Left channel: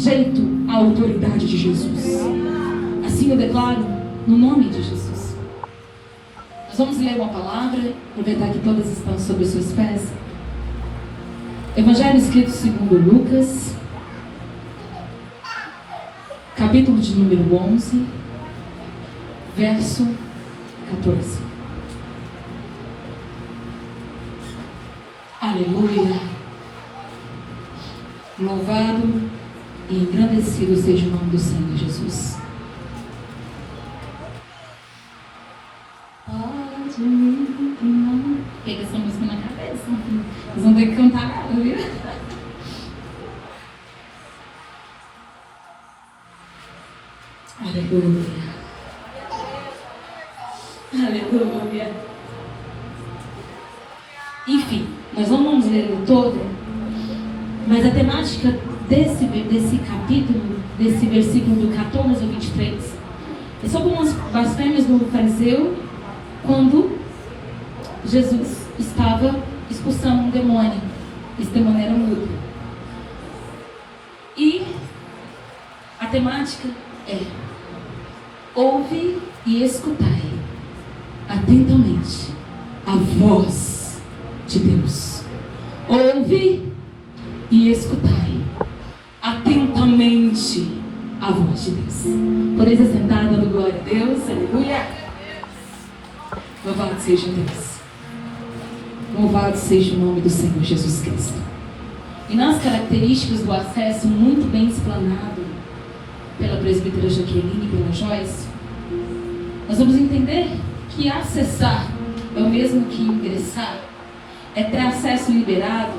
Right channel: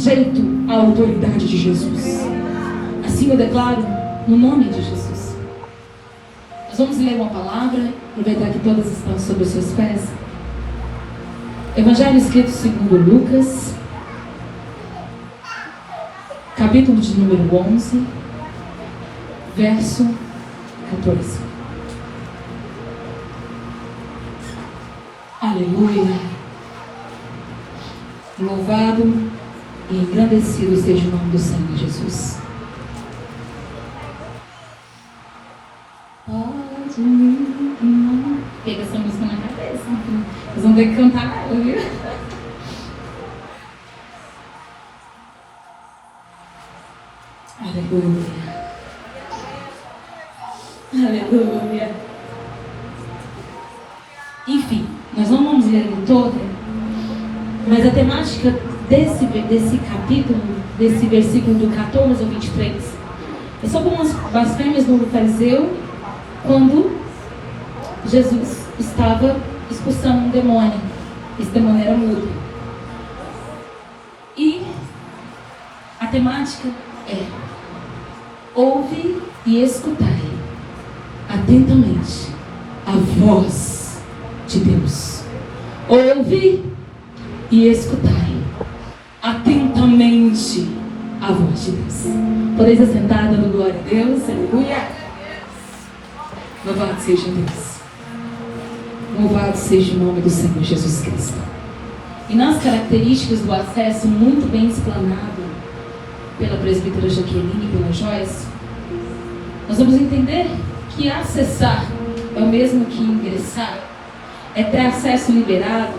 sujeito à autoridade de Jesus. Assim eu declaro, no nome de Jesus. Nós vamos ler uma palavra, aproveitar que todas estão sobre os seus pés. Evangelho escrito segundo Lucas, capítulo de número 11, verso 14. Aleluia. Louvado e engrandecido seja o nome do Senhor Jesus. Pode me amar. Pega essa música na cabeça. Vocês vão ter que cantar ela, viu? Aleluia. Aleluia. Enfim, nós não vamos ler ele todo, mas a temática desse capítulo, desse versículo do 14 ao 23, é sobre umas blasfêmias do fariseu quando Jesus estava expulsando um demônio. Esse demônio era mudo. E a temática é: ouve e escutai atentamente a voz de Deus. Ouve e escutai atentamente a voz de Deus. Podeis assentar dando glória a Deus. Aleluia. Louvado seja Deus. Louvado seja o nome do Senhor Jesus Cristo. E nas características do acesso, muito bem explanado pela presbítera Jaqueline e pela Joyce, nós vamos entender que acessar é o mesmo que ingressar, é ter acesso liberado.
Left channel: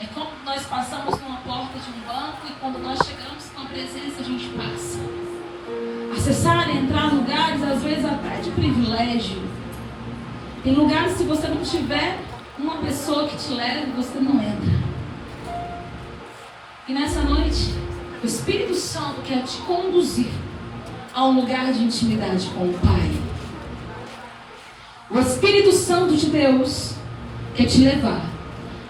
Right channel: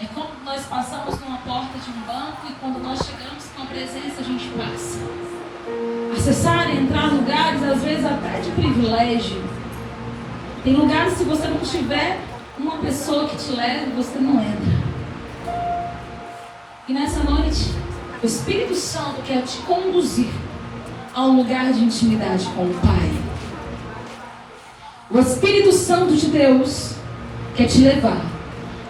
É como nós passamos numa porta de um banco e quando nós chegamos com a presença a gente passa. Acessar e entrar em lugares, às vezes até de privilégio. Tem lugares, se você não tiver uma pessoa que te leve, você não entra. E nessa noite, o Espírito Santo quer te conduzir a um lugar de intimidade com o Pai. O Espírito Santo de Deus quer te levar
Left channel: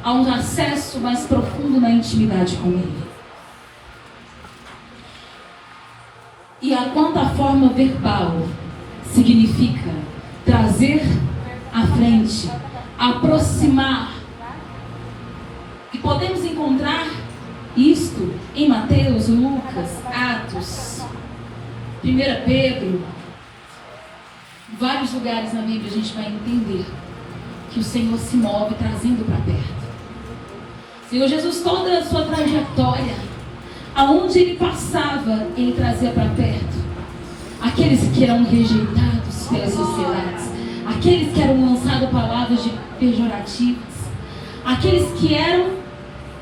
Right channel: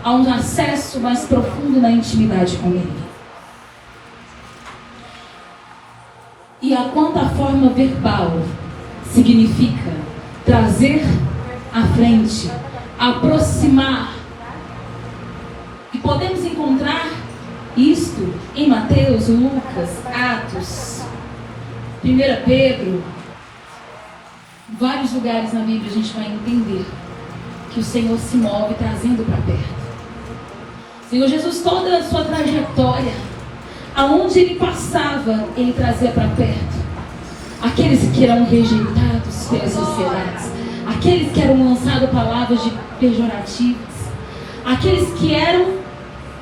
a um acesso mais profundo na intimidade com Ele. E a quanta forma verbal significa trazer à frente, aproximar. E podemos encontrar isto em Mateus, Lucas, Atos, 1 Pedro, vários lugares na Bíblia a gente vai entender que o Senhor se move trazendo para perto. Senhor Jesus, toda a sua trajetória, aonde Ele passava, Ele trazia para perto aqueles que eram rejeitados pelas sociedades, aqueles que eram lançados palavras de pejorativas, aqueles que eram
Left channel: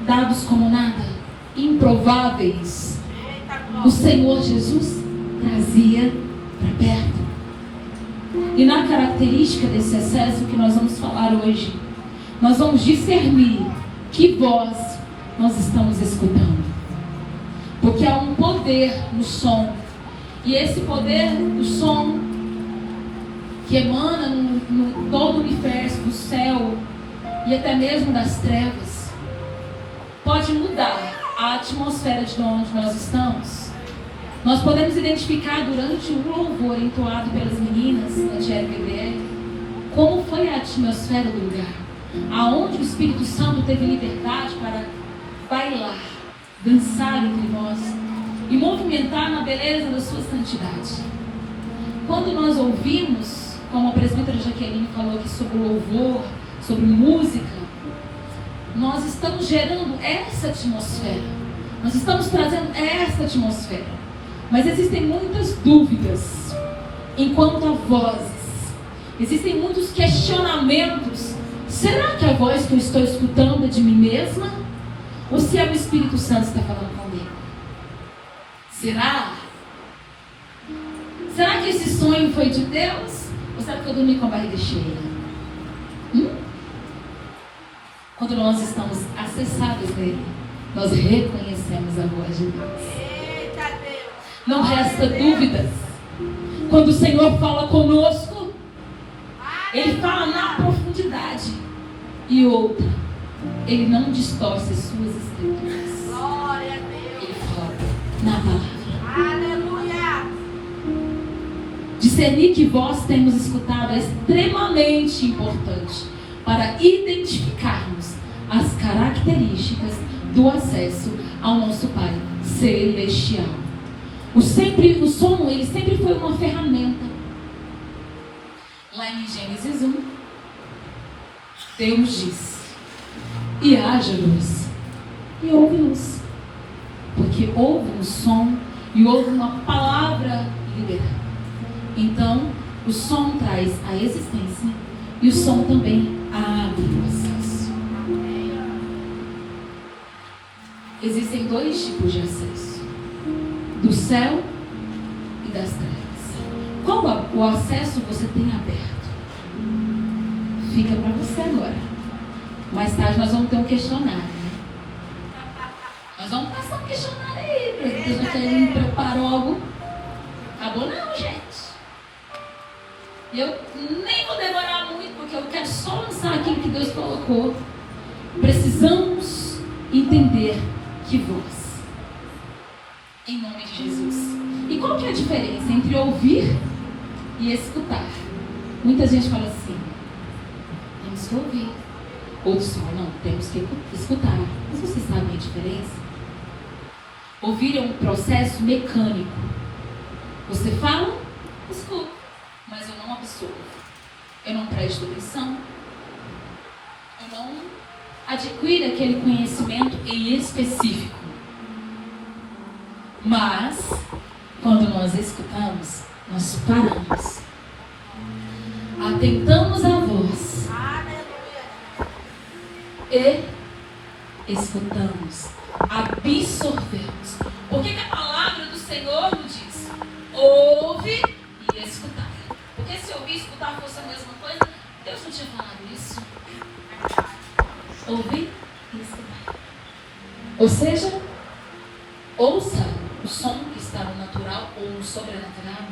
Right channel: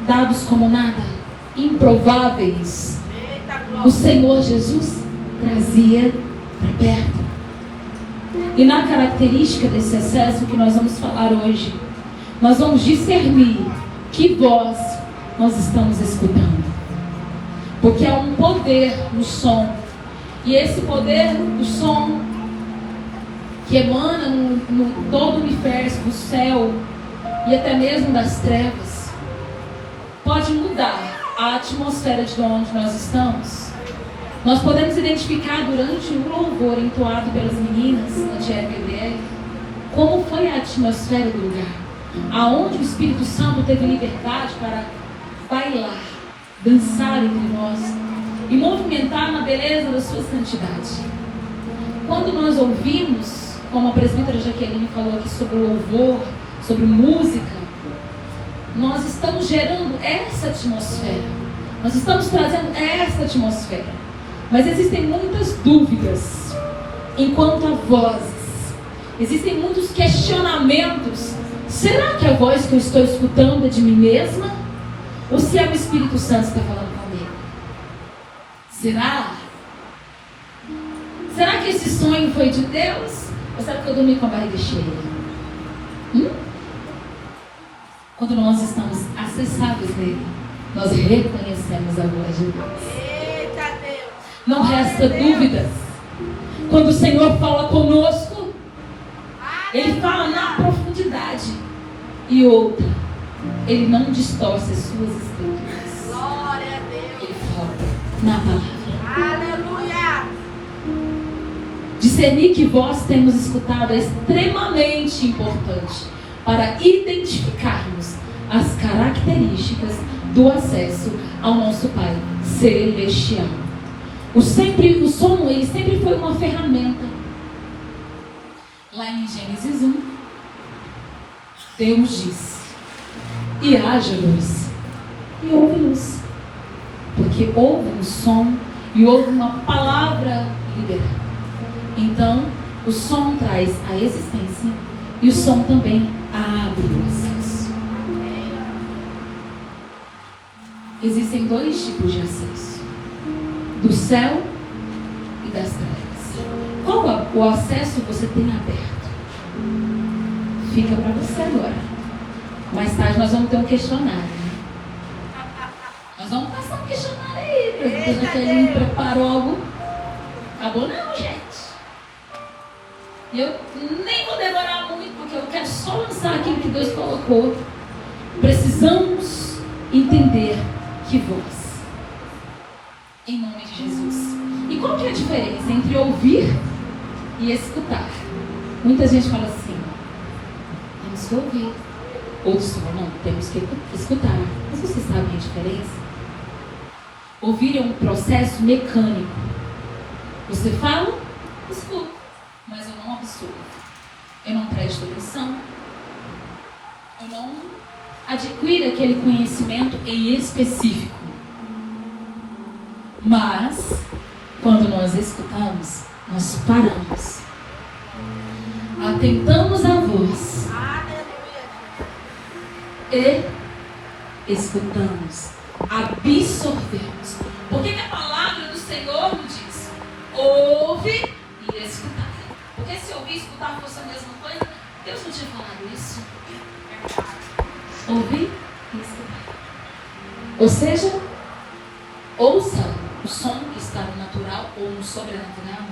dados como nada, improváveis. O Senhor Jesus trazia para perto. E na característica desse acesso que nós vamos falar hoje, nós vamos discernir que voz nós estamos escutando. Porque há um poder no som. E esse poder do som que emana no todo o universo, do céu e até mesmo das trevas, pode mudar a atmosfera de onde nós estamos. Nós podemos identificar durante o louvor entoado pelas meninas, Angélica e Gabriela, como foi a atmosfera do lugar, aonde o Espírito Santo teve liberdade para bailar, dançar entre nós e movimentar na beleza da sua santidade. Quando nós ouvimos, como a presbítera Jaqueline falou aqui sobre o louvor, sobre música, nós estamos gerando essa atmosfera, nós estamos trazendo essa atmosfera. Mas existem muitas dúvidas enquanto a vozes, existem muitos questionamentos. Será que a voz que eu estou escutando é de mim mesma? Ou se é o Espírito Santo que está falando comigo? Será? Será que esse sonho foi de Deus? Ou será que eu dormi com a barriga cheia? Quando nós estamos acessados nele, nós reconhecemos a voz de Deus. Não resta dúvidas. Quando o Senhor fala conosco, Ele fala na profundidade. E outra, Ele não distorce as suas escrituras. Ele fala na palavra. Aleluia! Discernir que voz temos escutado é extremamente importante para identificarmos as características do acesso ao nosso Pai Celestial. O som, ele sempre foi uma ferramenta. Lá em Gênesis 1, Deus diz: e haja luz, e houve luz. Porque houve um som e houve uma palavra liberada. Então, o som traz a existência e o som também abre o acesso. Existem dois tipos de acesso: do céu e das trevas. Qual o acesso você tem aberto? Fica para você agora. Mais tarde nós vamos ter um questionário. Nós vamos passar um questionário aí, porque Deus não preparou algo. Acabou não, gente. E eu nem vou demorar muito, porque eu quero só lançar aquilo que Deus colocou. Precisamos entender que voz. Em nome de Jesus. E qual que é a diferença entre ouvir e escutar? Muita gente fala assim: temos que ouvir. Outros falam: não, temos que escutar. Mas você sabe a diferença? Ouvir é um processo mecânico. Você fala, escuta, mas eu não absorvo. Eu não presto atenção. Eu não adquiro aquele conhecimento em específico. Mas, quando nós escutamos, nós paramos. Atentamos a voz. E escutamos. Absorvemos. Porque a palavra do Senhor nos diz: ouve e escutar. Porque se ouvir e escutar fosse a mesma coisa, Deus não tinha falado isso. Ouvir e escutar. Ou seja, ouça o som que está no natural ou no sobrenatural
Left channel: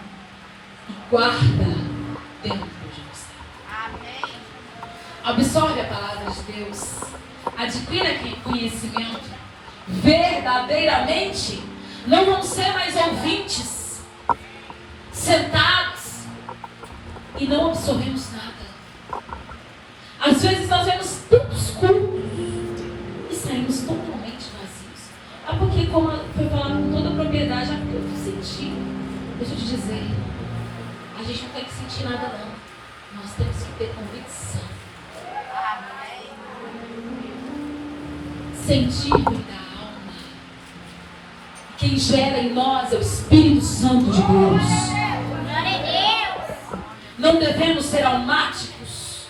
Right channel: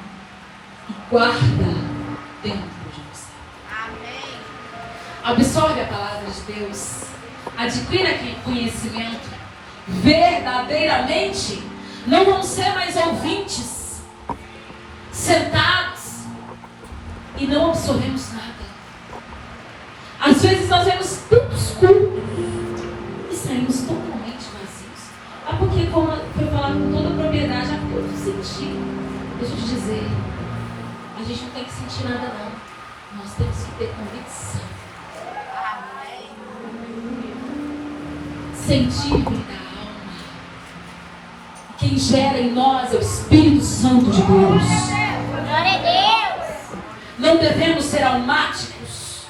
e guarda dentro de você. Amém. Absorve a palavra de Deus. Adquira aquele conhecimento. Verdadeiramente, não vão ser mais ouvintes sentados e não absorvemos nada. Às vezes nós vemos tantos cultos e saímos totalmente vazios. Porque, como foi falado com toda a propriedade, eu senti. Deixa eu te dizer, a gente não tem que sentir nada não. Nós temos que ter convicção. Sentir da alma. Quem gera em nós é o Espírito Santo de Deus. Glória a Deus. Não devemos ser almáticos.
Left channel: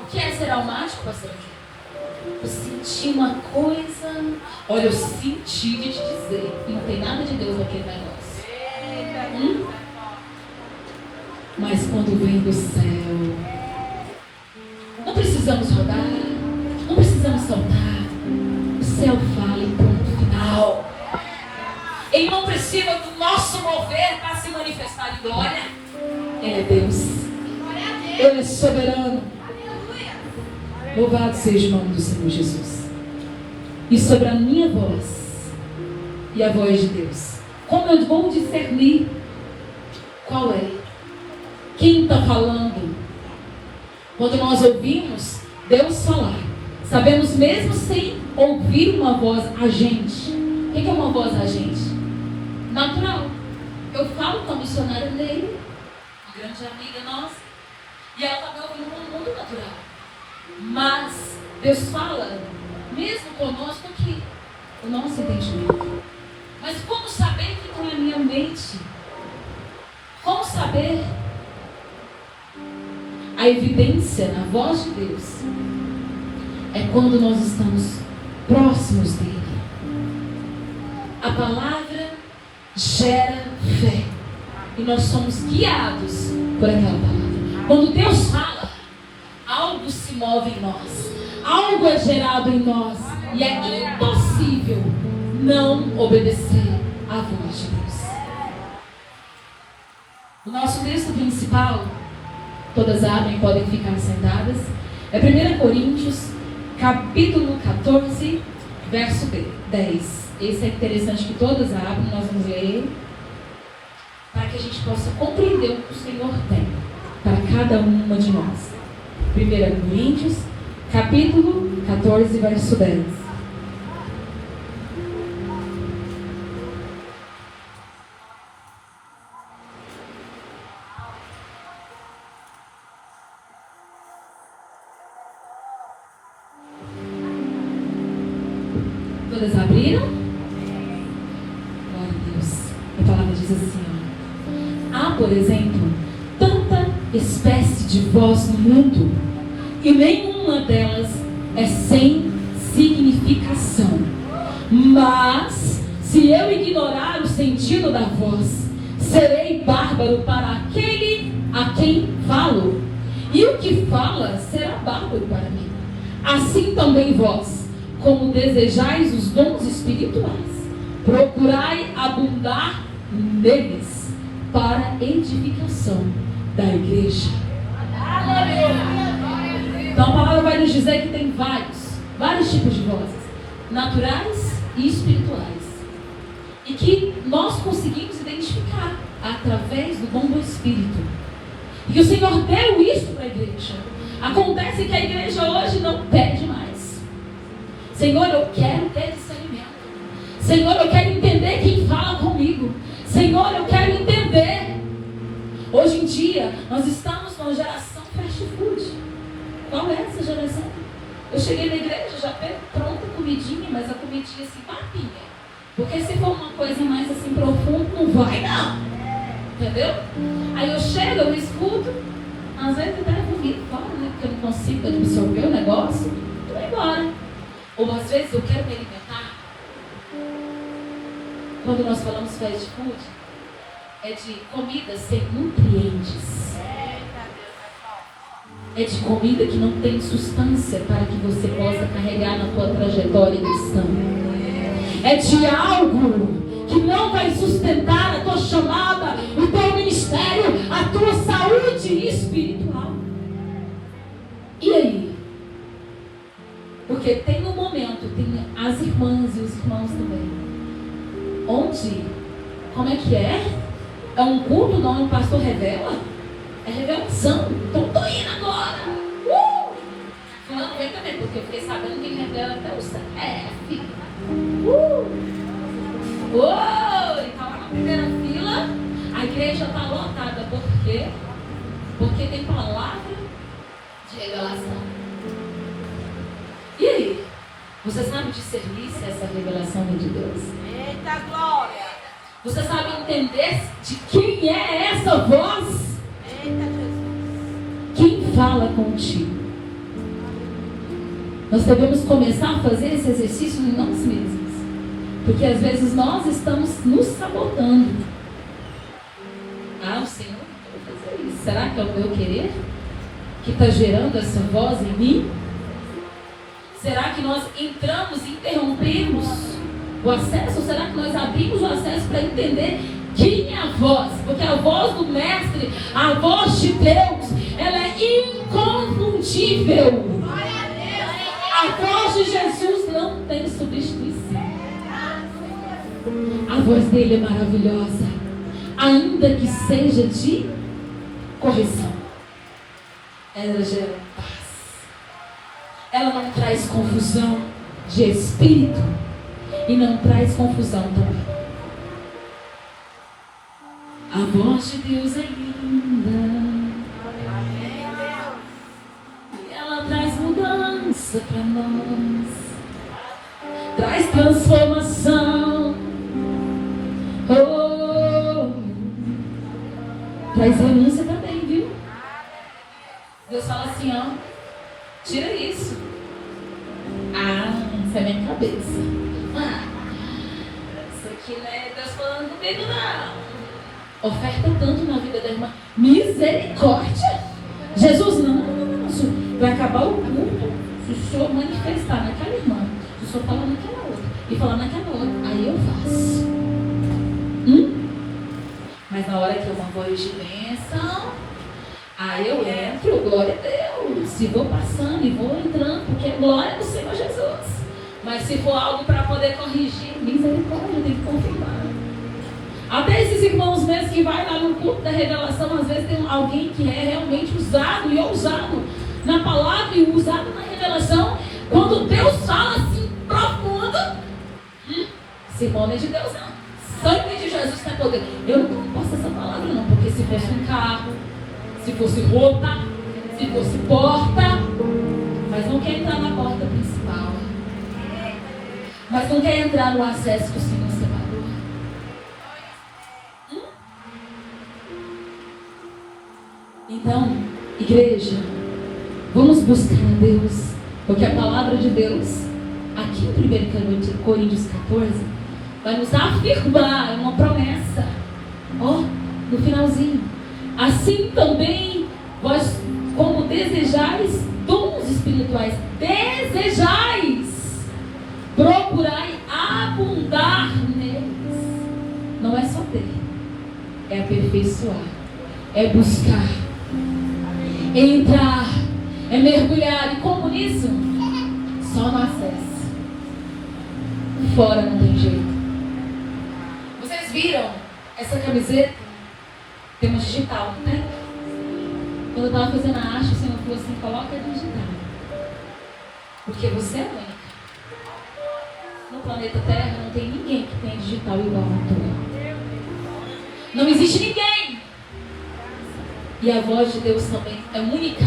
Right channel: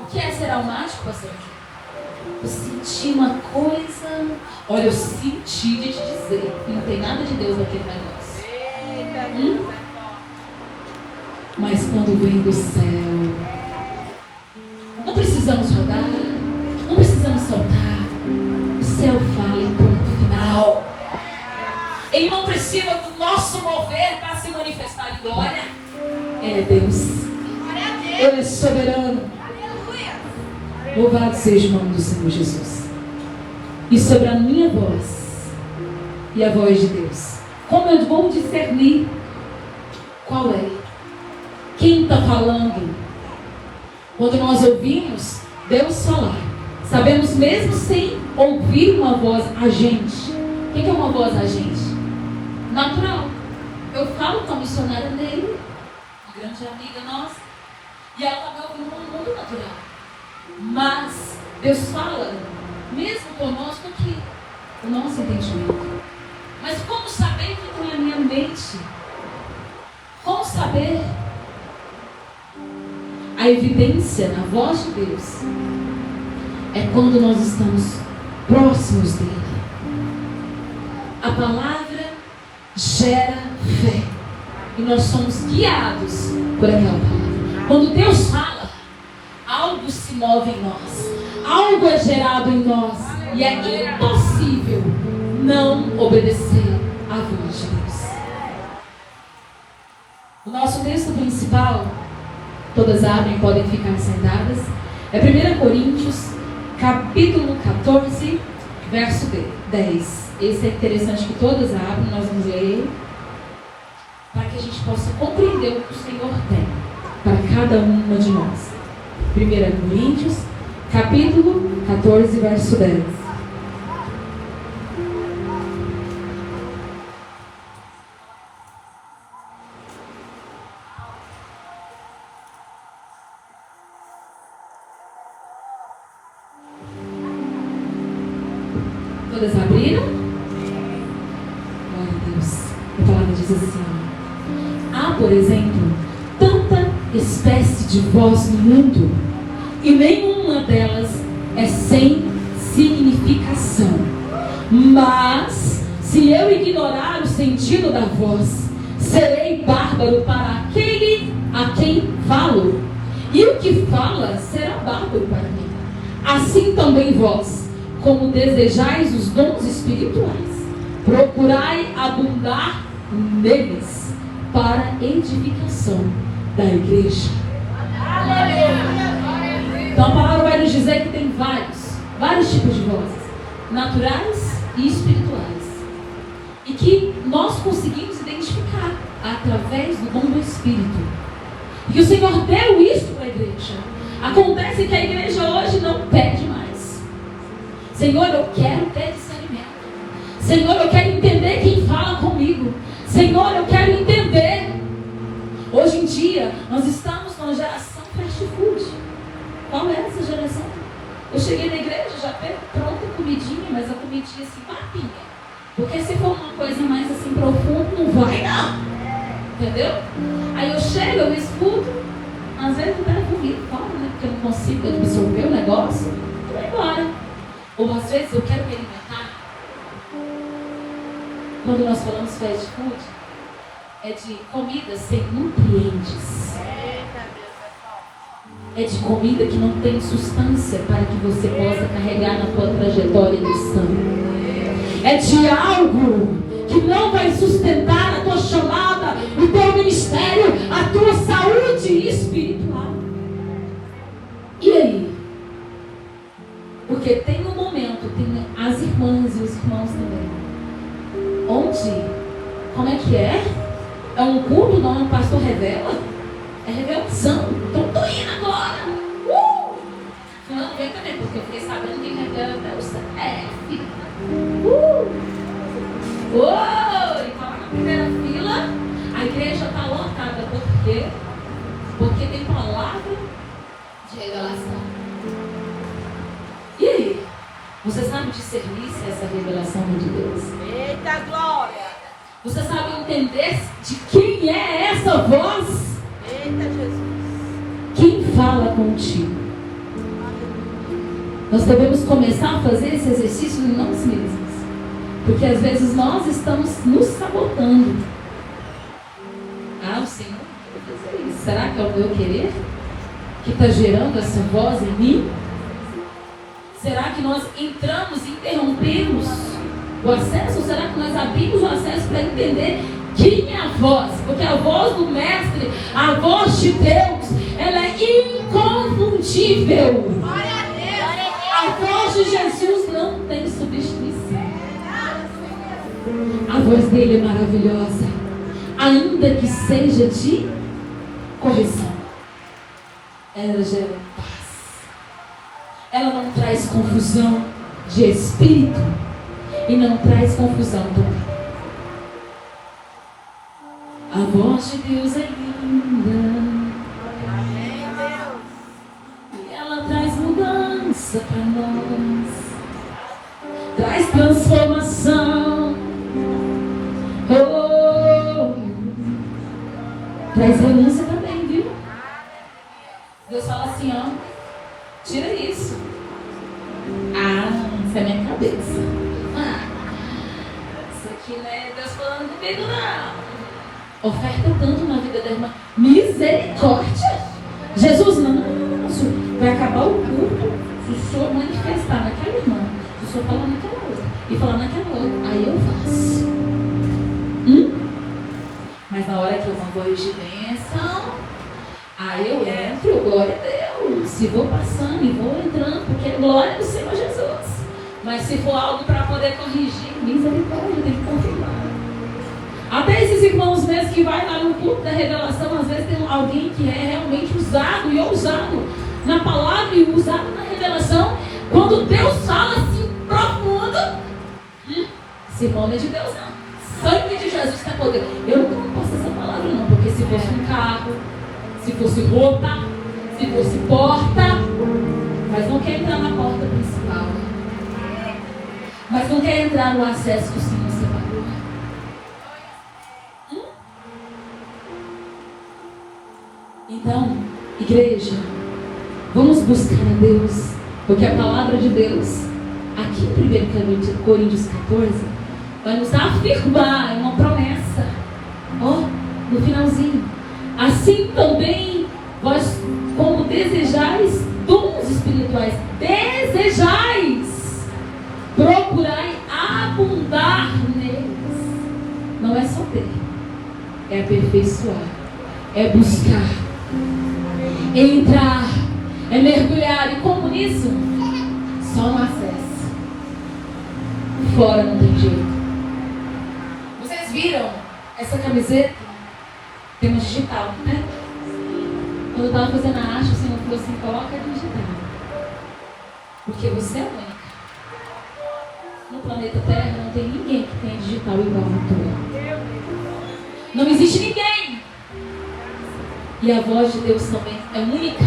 O que é ser almático, pastor? Eu senti uma coisa. Olha, eu senti de te dizer que não tem nada de Deus aqui para nós. Mas quando vem do céu, não precisamos rodar, não precisamos saltar. O céu fala em ponto final. Ele não precisa do nosso mover para se manifestar em glória. É Deus. Ele é soberano. Louvado seja o nome do Senhor Jesus. E sobre a minha voz e a voz de Deus, como eu vou discernir qual é? Quem está falando? Quando nós ouvimos Deus falar, sabemos mesmo sem ouvir uma voz agente. O que é uma voz agente? Natural. Eu falo com a missionária dele, uma grande amiga nossa, e ela está me ouvindo no mundo natural. Mas Deus fala, mesmo conosco aqui, o nosso entendimento. Mas como saber que tem a minha mente? Como saber? A evidência na voz de Deus é quando nós estamos próximos dele. A palavra gera fé e nós somos guiados por aquela palavra. Quando Deus fala, algo se move em nós, algo é gerado em nós e é impossível não obedecer à voz de Deus. O nosso texto principal, todas abrem, podem ficar sentadas, é 1 Coríntios, capítulo 14, verso 10. Esse é interessante que todas abram, nós vamos que a gente possa compreender o que o Senhor tem para cada uma de nós. 1 Coríntios, capítulo 14, verso 10. Todas abriram? Glória a Deus. A palavra diz assim: há, por exemplo, tanta espécie de voz no mundo, e nenhuma delas é sem significação. Mas, se eu ignorar o sentido da voz, serei bárbaro para aquele a quem falo, e o que fala será bárbaro para mim. Assim também vós, como desejais os dons espirituais, procurai abundar neles para edificação da igreja. Então a palavra vai nos dizer que tem vários tipos de vozes, naturais e espirituais, e que nós conseguimos identificar através do dom do Espírito. E que o Senhor deu isso para a igreja. Acontece que a igreja hoje não pede mais. Senhor, eu quero ter discernimento. Senhor, eu quero entender quem fala comigo. Senhor, eu quero entender. Hoje em dia, nós estamos numa geração fast food. Qual é essa geração? Eu cheguei na igreja, já pego pronta comidinha, mas a comidinha assim, papinha. Porque se for uma coisa mais assim profunda, não vai não. Entendeu? Aí eu chego, eu escuto, às vezes eu pego comigo, né? Porque eu não consigo absorver o negócio, eu vou embora. Ou às vezes eu quero me alimentar. Quando nós falamos fast food, é de comida sem nutrientes. É de comida que não tem substância para que você possa carregar na tua trajetória cristã. É de algo que não vai sustentar a tua chamada, o teu ministério, a tua saúde espiritual. E aí? Porque tem um momento, tem as irmãs e os irmãos também, onde, como é que é? É um culto, não é um pastor revela? É revelação. Então estou indo agora. Fulano vem também, porque eu fiquei sabendo que revela até o CF. Ele estava na primeira fila, a igreja está lotada. Por quê? Porque tem palavra de revelação. E aí? Você sabe discernir se essa revelação é de Deus? Eita glória! Você sabe entender de quem é essa voz? Eita Jesus! Quem fala contigo? Nós devemos começar a fazer esse exercício em nós mesmos. Porque às vezes nós estamos nos sabotando. O Senhor vai fazer isso. Será que é o meu querer que está gerando essa voz em mim? Será que nós entramos e interrompemos o acesso? Será que nós abrimos o acesso para entender quem é a voz? Porque a voz do Mestre, a voz de Deus, ela é inconfundível. A voz de Jesus não tem substituição. A voz dele é maravilhosa, ainda que seja de correção. Ela gera paz. Ela não traz confusão de espírito e não traz confusão também. A voz de Deus é linda. E ela traz mudança para nós. Traz transformação. Traz renúncia também, viu? Deus fala assim, tira isso. Isso é minha cabeça. Isso aqui não é Deus falando comigo, não. Oferta tanto na vida da irmã. Misericórdia. Jesus, não. Vai acabar o culto se o senhor manifestar naquela irmã. Se o senhor falar naquela outra. E falar naquela outra. Aí eu faço. Mas na hora que eu não vou de bênção, aí eu entro, glória a Deus. E vou passando e vou entrando, porque é glória do Senhor Jesus. Mas se for algo para poder corrigir, misericórdia, tem que confirmar. Até esses irmãos mesmo vezes que vai lá no culto da revelação, às vezes tem alguém que é realmente usado e ousado na palavra e usado na revelação. Quando Deus fala assim profundo, sermão não é de Deus não. Sangue de Jesus tem poder. Eu não posso essa palavra não, porque se fosse um carro, se fosse roupa, se fosse porta, mas não quer entrar na porta principal. Mas não quer entrar no acesso que o Senhor separou. Então, igreja, vamos buscar a Deus, porque a palavra de Deus, aqui em 1 Coríntios 14, vai nos afirmar, é uma promessa, no finalzinho. Assim também, vós, como desejais dons espirituais, procurai abundar neles. Não é só ter, é aperfeiçoar, é buscar, é entrar, é mergulhar. E como nisso? Só no acesso. Fora não tem jeito. Vocês viram essa camiseta? Tem uma digital, né? Quando eu estava fazendo a arte, o Senhor falou assim: coloca a digital. Porque você é única. No planeta Terra não tem ninguém que tem digital igual a tua. Não existe ninguém. E a voz de Deus também é única.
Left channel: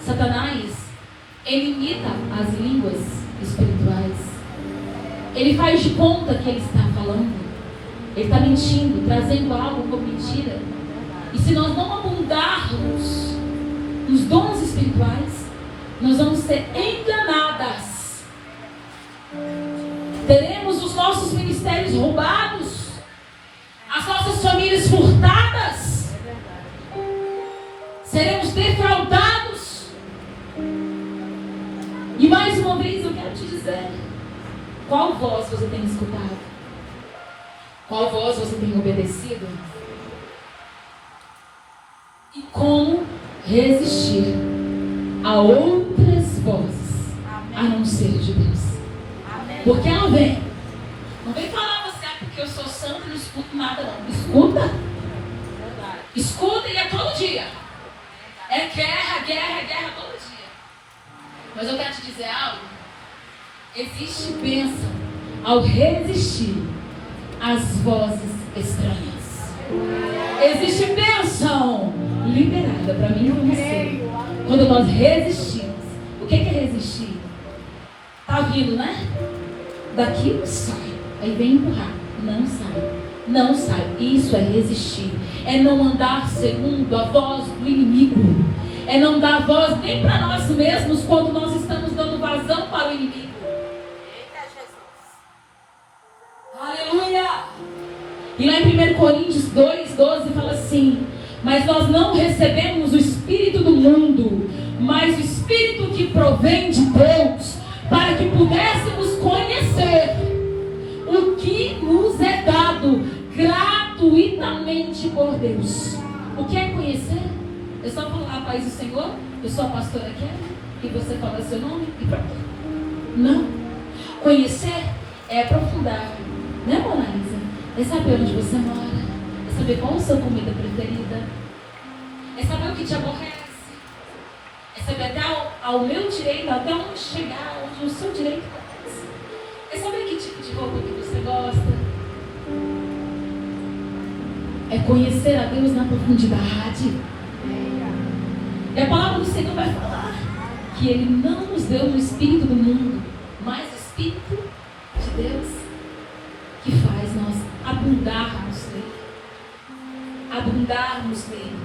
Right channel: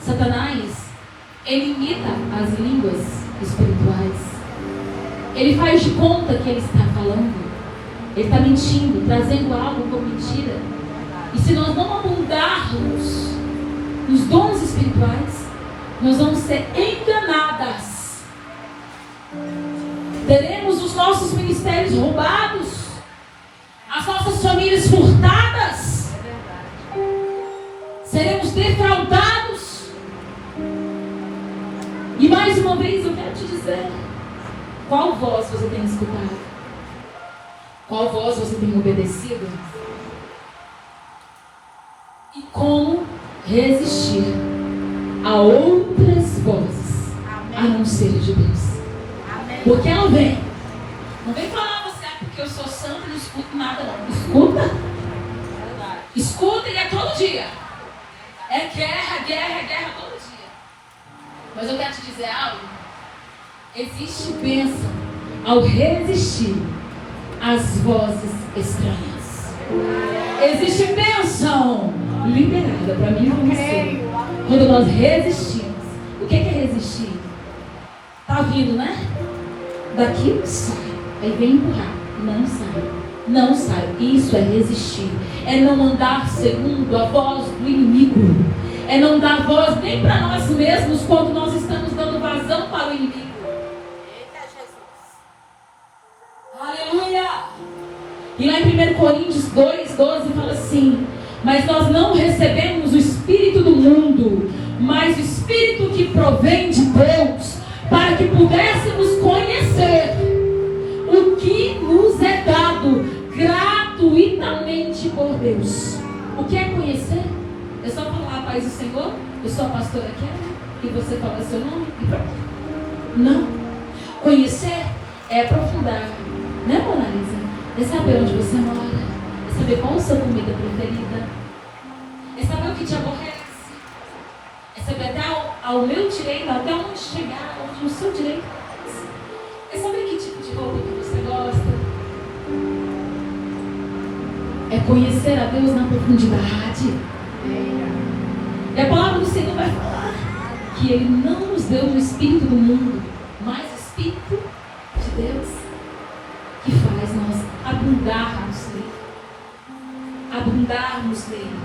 Satanás, ele imita as línguas espirituais. Ele faz de conta que ele está falando. Ele está mentindo, trazendo algo como mentira. E se nós não abundarmos nos dons espirituais, nós vamos ser enganadas. Teremos os nossos ministérios roubados, as nossas famílias furtadas, seremos defraudados. E mais uma vez eu quero te dizer: qual voz você tem escutado? Qual voz você tem obedecido? E como resistir a outras vozes, a não ser de Deus? Porque ela vem. Não vem falar você porque eu sou santo e não escuto nada não. Escuta. Escuta e é todo dia. É guerra todo dia. Mas eu quero te dizer algo. Existe bênção ao resistir às vozes estranhas. Existe bênção liberada para mim e para você quando nós resistimos. O que é resistir? Tá vindo, né? Daqui sai, aí vem empurrar, não sai. Isso é resistir, é não andar segundo a voz do inimigo, é não dar voz nem para nós mesmos quando nós estamos dando vazão para o inimigo. Aleluia! E lá em 1 Coríntios 2:12 fala assim: mas nós não recebemos o Espírito do mundo, mas o Espírito que provém de Deus, para que pudéssemos conhecer o que nos é dado gratuitamente por Deus. O que é conhecer? É só falar a paz do Senhor, eu sou a pastora Kelly, e você fala seu nome e pronto. Não. Conhecer é aprofundar, né, Monalisa? É saber onde você mora, é saber qual a sua comida preferida, é saber o que te aborrece, é saber até ao meu direito, até onde chegar, onde o seu direito é saber que tipo de roupa que você gosta. É conhecer a Deus na profundidade. E a palavra do Senhor vai falar que Ele não nos deu o Espírito do mundo, mas o Espírito de Deus, que faz nós abundarmos nele. Abundarmos nele.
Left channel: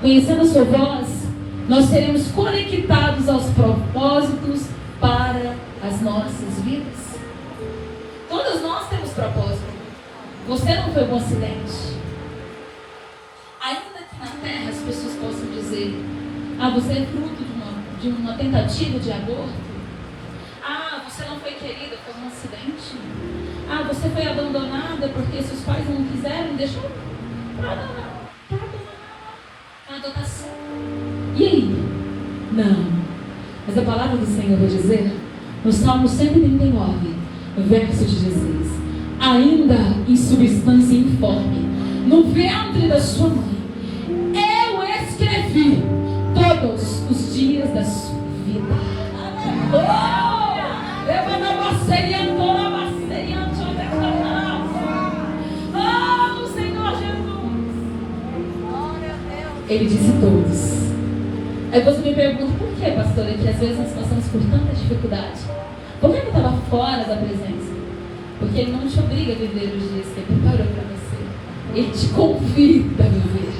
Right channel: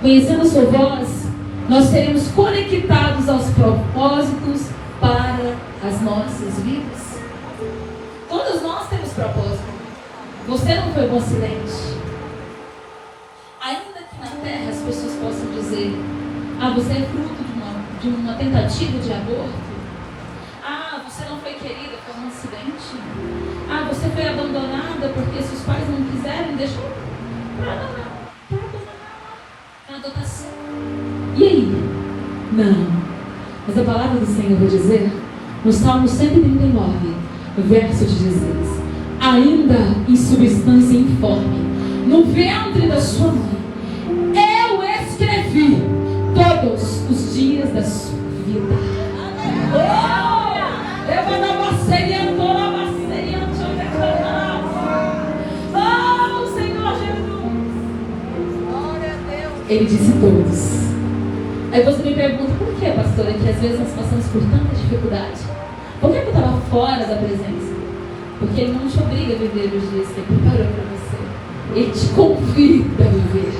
Conhecendo a sua voz, nós seremos conectados aos propósitos para as nossas vidas. Todos nós temos propósito. Você não foi um acidente. Ainda que na terra as pessoas possam dizer: você é fruto de uma tentativa de aborto. Você não foi querida, foi um acidente. Você foi abandonada porque seus pais não quiseram, deixou para adotação. E aí? Não. Mas a palavra do Senhor vai dizer, no Salmo 139, no verso 16: ainda em substância informe, no ventre da sua mãe, eu escrevi todos os dias da sua vida. Oh, Senhor Jesus. Ele disse todos. Aí você me pergunta, por que, pastora, que às vezes nós passamos por tanta dificuldade? Por que eu estava fora da presença? Porque Ele não te obriga a viver os dias que Ele preparou para você. Ele te convida a viver.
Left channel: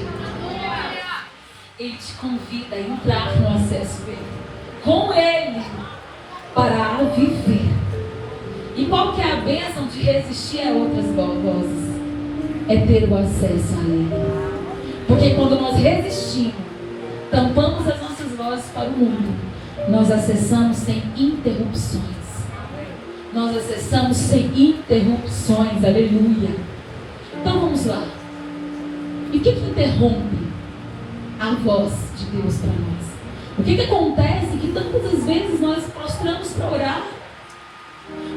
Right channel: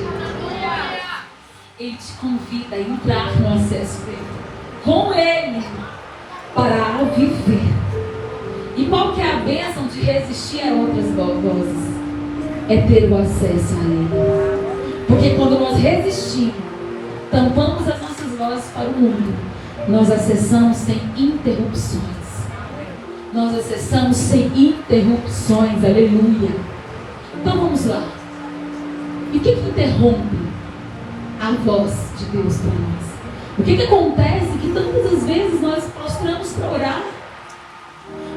Ele te convida a entrar no acesso com Ele para viver. E qual que é a bênção de resistir a outras vozes? É ter o acesso a Ele. Porque quando nós resistimos, tampamos as nossas vozes para o mundo, nós acessamos sem interrupções. Nós acessamos sem interrupções, aleluia. Então vamos lá. E o que interrompe a voz de Deus para nós? O que acontece que tantas as vezes nós prostramos para orar,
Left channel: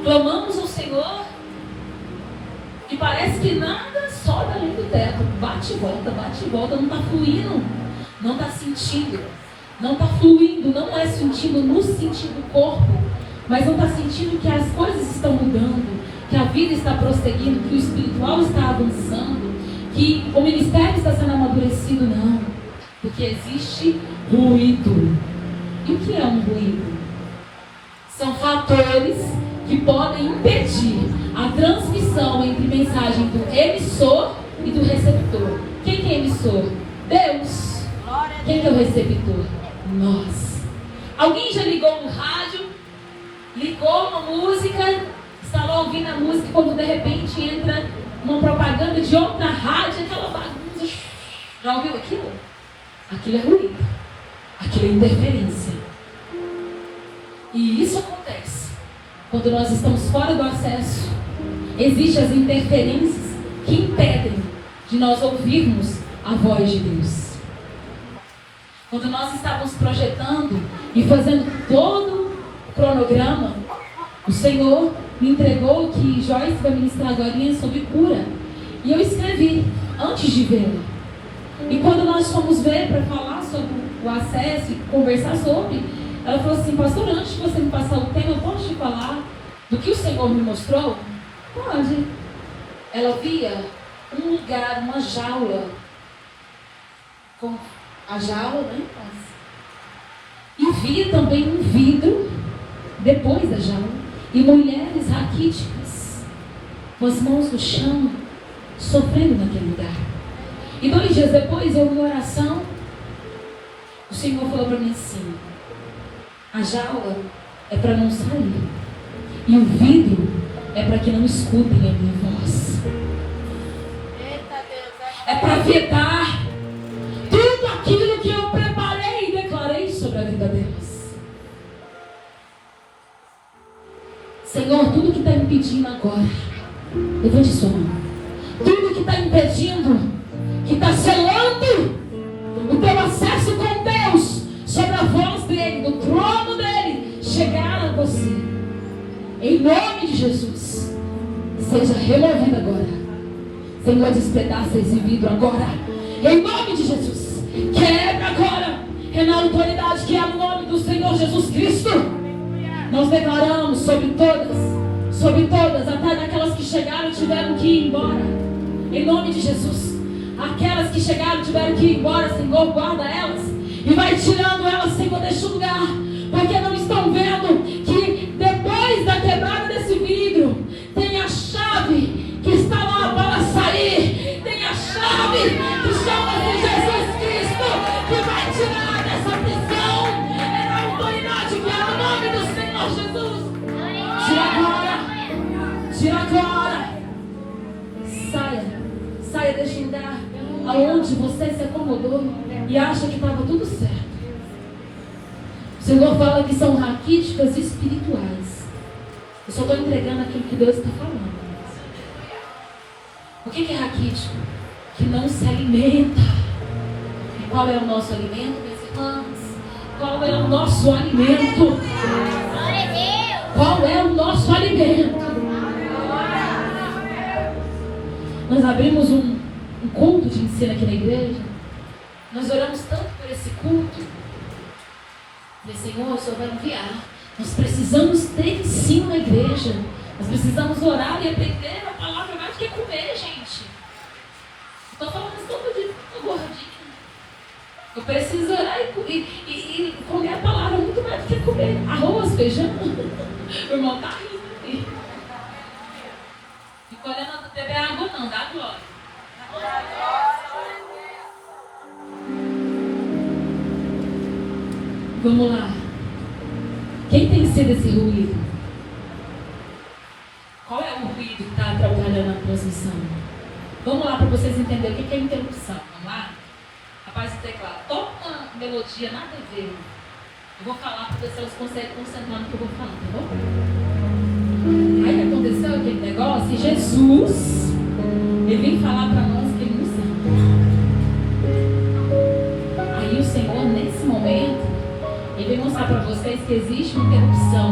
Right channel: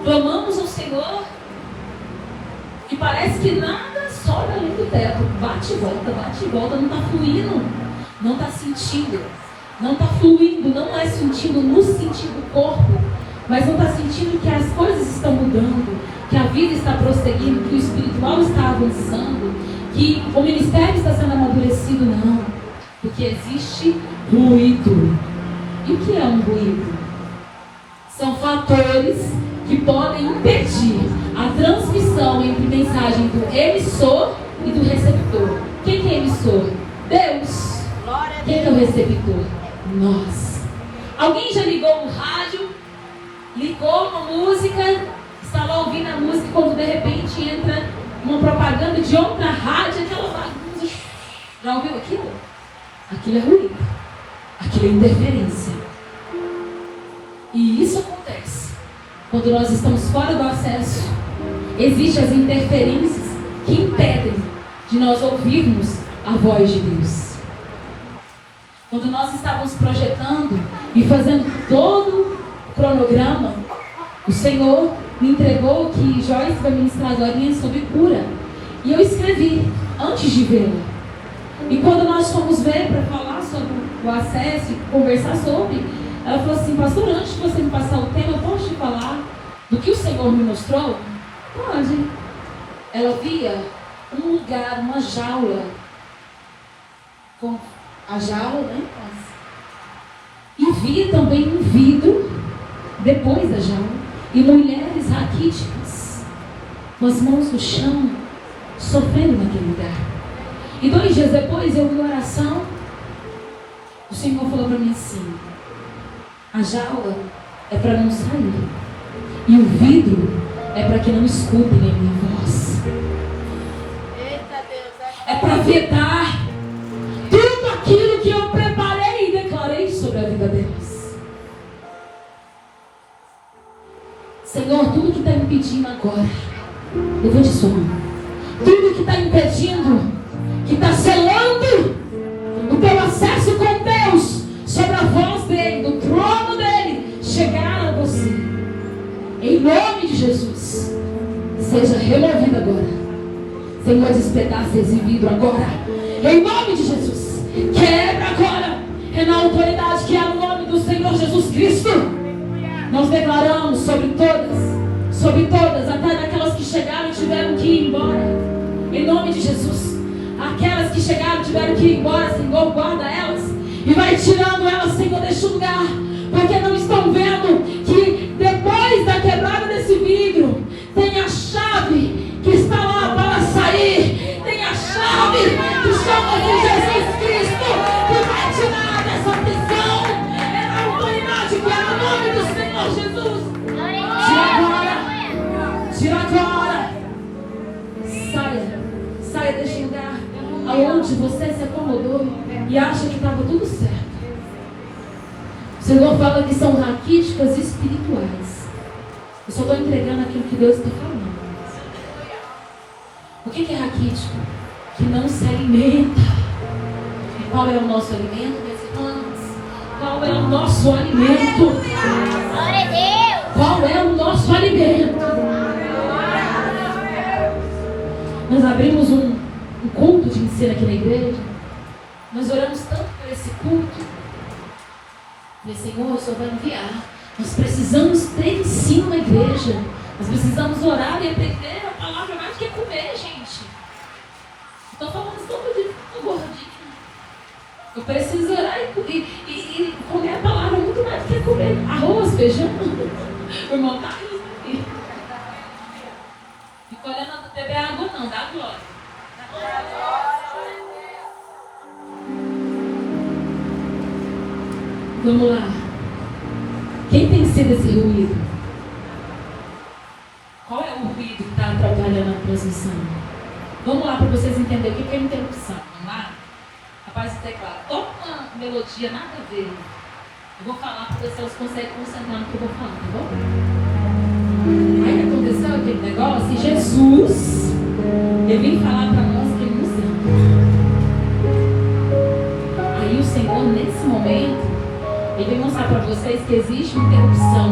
clamamos ao Senhor e parece que nada sobe além do teto, bate e volta, não está fluindo, não está sentindo, não está fluindo, não é sentindo no sentido do corpo, mas não está sentindo que as coisas estão mudando, que a vida está prosseguindo, que o espiritual está avançando, que o ministério está sendo amadurecido, não. Porque existe ruído. E o que é um ruído? São fatores que podem impedir a transmissão entre mensagem do emissor e do receptor. Quem que é emissor? Deus. Quem que é o receptor? Nós. Alguém já ligou no rádio? Ligou uma música? Está lá ouvindo a música, quando de repente entra uma propaganda de outra rádio, aquela bagunça. Já ouviu aquilo? Aquilo é ruído. Aquilo é interferência. E isso acontece quando nós estamos fora do acesso. Existem as interferências que impedem de nós ouvirmos a voz de Deus. Quando nós estávamos projetando e fazendo todo o cronograma, o Senhor me entregou que Joyce vai ministrar agora sobre cura. E eu escrevi antes de vê-la. E quando nós fomos ver para falar sobre o acesso e conversar sobre, ela falou assim: pastor, antes de você me passar o tema, eu posso te falar do que o Senhor me mostrou? Pode. Ela via um lugar, uma jaula, com a jaula, né? E via também um vidro depois da jaula. E mulheres raquíticas, com as mãos no chão, sofrendo naquele lugar. E 2 dias depois, eu em oração, o Senhor falou para mim assim: a jaula é para não sair, e o vidro é para que não escutem a minha voz. É para vetar tudo aquilo que eu preparei e declarei sobre a vida delas. Senhor, tudo que está impedindo agora, levante sua mão. Tudo que está impedindo, que está selando o teu acesso com Deus, sobre a voz dele, do trono dele, chegar a você. Em nome de Jesus, seja removido agora. Senhor, despedaça esse vidro agora. Em nome de Jesus, quebra agora. É na autoridade que é o nome do Senhor Jesus Cristo. Nós declaramos sobre todas, até daquelas que chegaram e tiveram que ir embora. Em nome de Jesus. Aquelas que chegaram e tiveram que ir embora, Senhor, guarda elas. E vai tirando elas, Senhor, deste lugar. Porque não estão vendo que depois da quebrada desse vidro, tem a chave que está lá para sair. Tem a chave que chama-se Jesus Cristo, que vai tirar dessa prisão. É na autoridade que é o nome do Senhor Jesus. Tira agora. Saia deste lugar aonde você se acomodou e acha que estava tudo certo. O Senhor fala que são raquíticas espirituais. Eu só estou entregando aquilo que Deus está falando. O que é raquítico? Que não se alimenta. E qual é o nosso alimento, meus irmãos? Qual é o nosso alimento? Qual é o nosso alimento? Nós abrimos um culto de ensino aqui na igreja. Nós oramos tanto por esse culto. Mas, Senhor, o Senhor vai enviar. Nós precisamos ter ensino na igreja. Nós precisamos orar e aprender a palavra mais do que comer, gente. Estou falando tanto de gordinho. Eu preciso orar e comer a palavra muito mais do que comer arroz, feijão. O irmão tá aí. E quando eu não beber água, não, dá glória. Vamos lá. Quem tem sido esse ruído? Qual é o ruído que está atrapalhando a transmissão? Vamos lá para vocês entenderem o que é interrupção. Vamos lá? Rapaz do teclado. Uma melodia nada a ver. Eu vou falar para ver se elas conseguem concentrar no que eu vou falar, tá bom? Aí aconteceu aquele negócio e Jesus, ele vem falar para nós que ele nos ama. Aí o Senhor, nesse momento, ele vem mostrar para vocês que existe uma interrupção.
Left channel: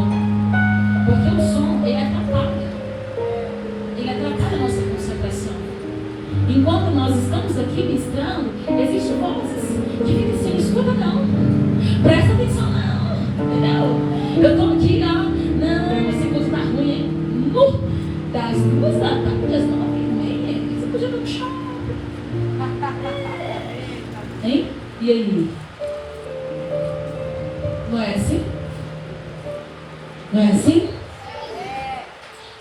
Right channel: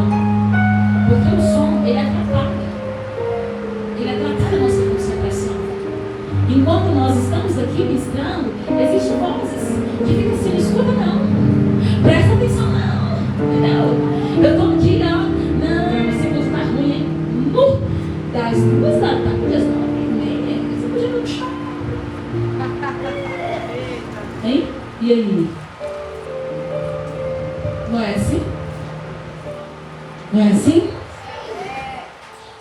Porque o som, ele atrapalha. Ele atrapalha a nossa concentração. Enquanto nós estamos aqui ministrando, existem vozes que ficam assim, não escuta não. Presta atenção não. Entendeu? Eu estou aqui, ó. Não, esse curso tá ruim, hein? Das 2 da tarde, das 9h30. Você podia não chorar. Hein? E aí? Não é assim? Não é assim?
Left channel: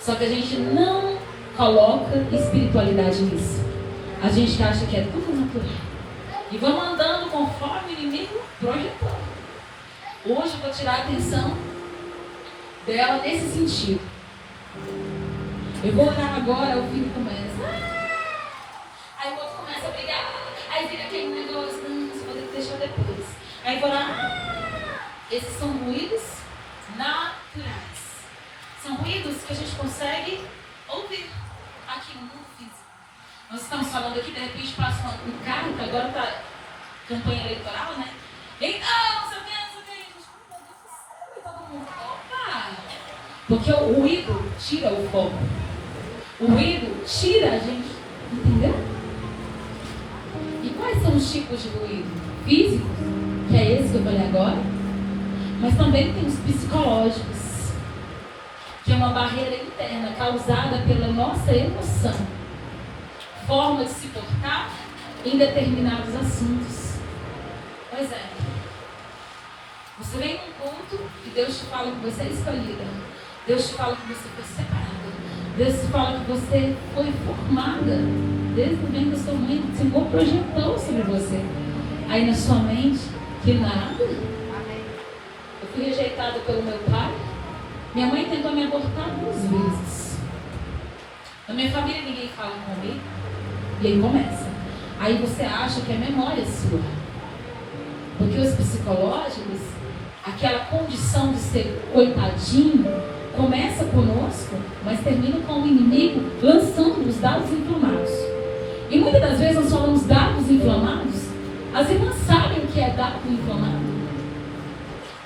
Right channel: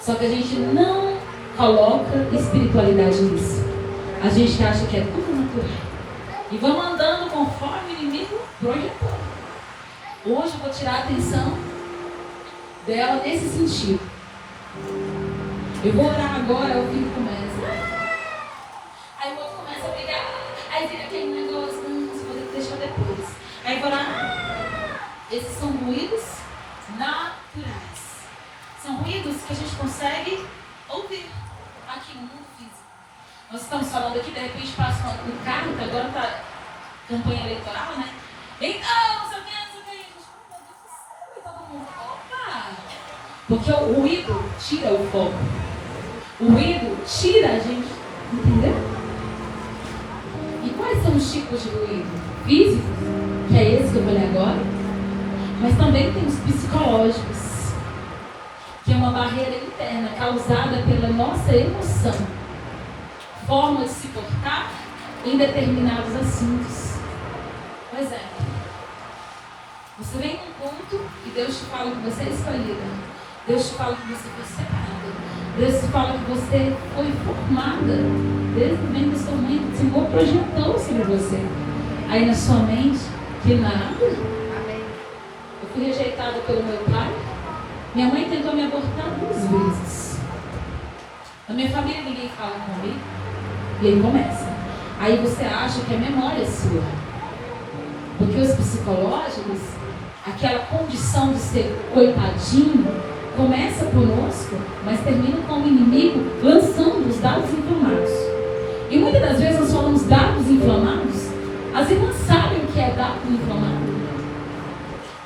Só que a gente não coloca espiritualidade nisso. A gente acha que é tudo natural. E vamos andando conforme o inimigo projetou. Hoje eu vou tirar a atenção dela nesse sentido. Eu vou orar agora, o filho começa. Aí o outro começa a brigar. Aí fica aquele negócio, não, você pode deixar depois. Aí vou lá. Esses são ruídos naturais. São ruídos que a gente consegue ouvir aqui no mundo físico. Nós estamos falando aqui, de repente passa um carro, agora está campanha eleitoral, né? Então, não sei o que, todo mundo. Opa! Porque o ruído tira o foco. O ruído tira a gente, entendeu? E quais são os tipos de ruído? Físico, que é esse que eu vou ler agora. Mas também tem os psicológicos, que é uma barreira interna causada pela nossa emoção, forma de se portar em determinados assuntos. Por exemplo, você vem num ponto e Deus te fala que você é escolhida, Deus te fala que você foi separada, Deus te fala que você foi formada desde o bem da sua mãe, que o Senhor projetou sobre você. Aí na sua mente, que nada. Eu fui rejeitada pelo meu pai. Minha mãe tentou me abortar 2 vezes. Na minha família ninguém fala comigo. E aí começa. Aí você acha que a memória é sua. Porque os psicológicos, aquela condição de ser coitadinho, começa conosco, mas termina com o inimigo lançando os dados inflamados. E muitas das vezes nós falamos dados inflamados. As irmãs sabem o que é dado inflamado.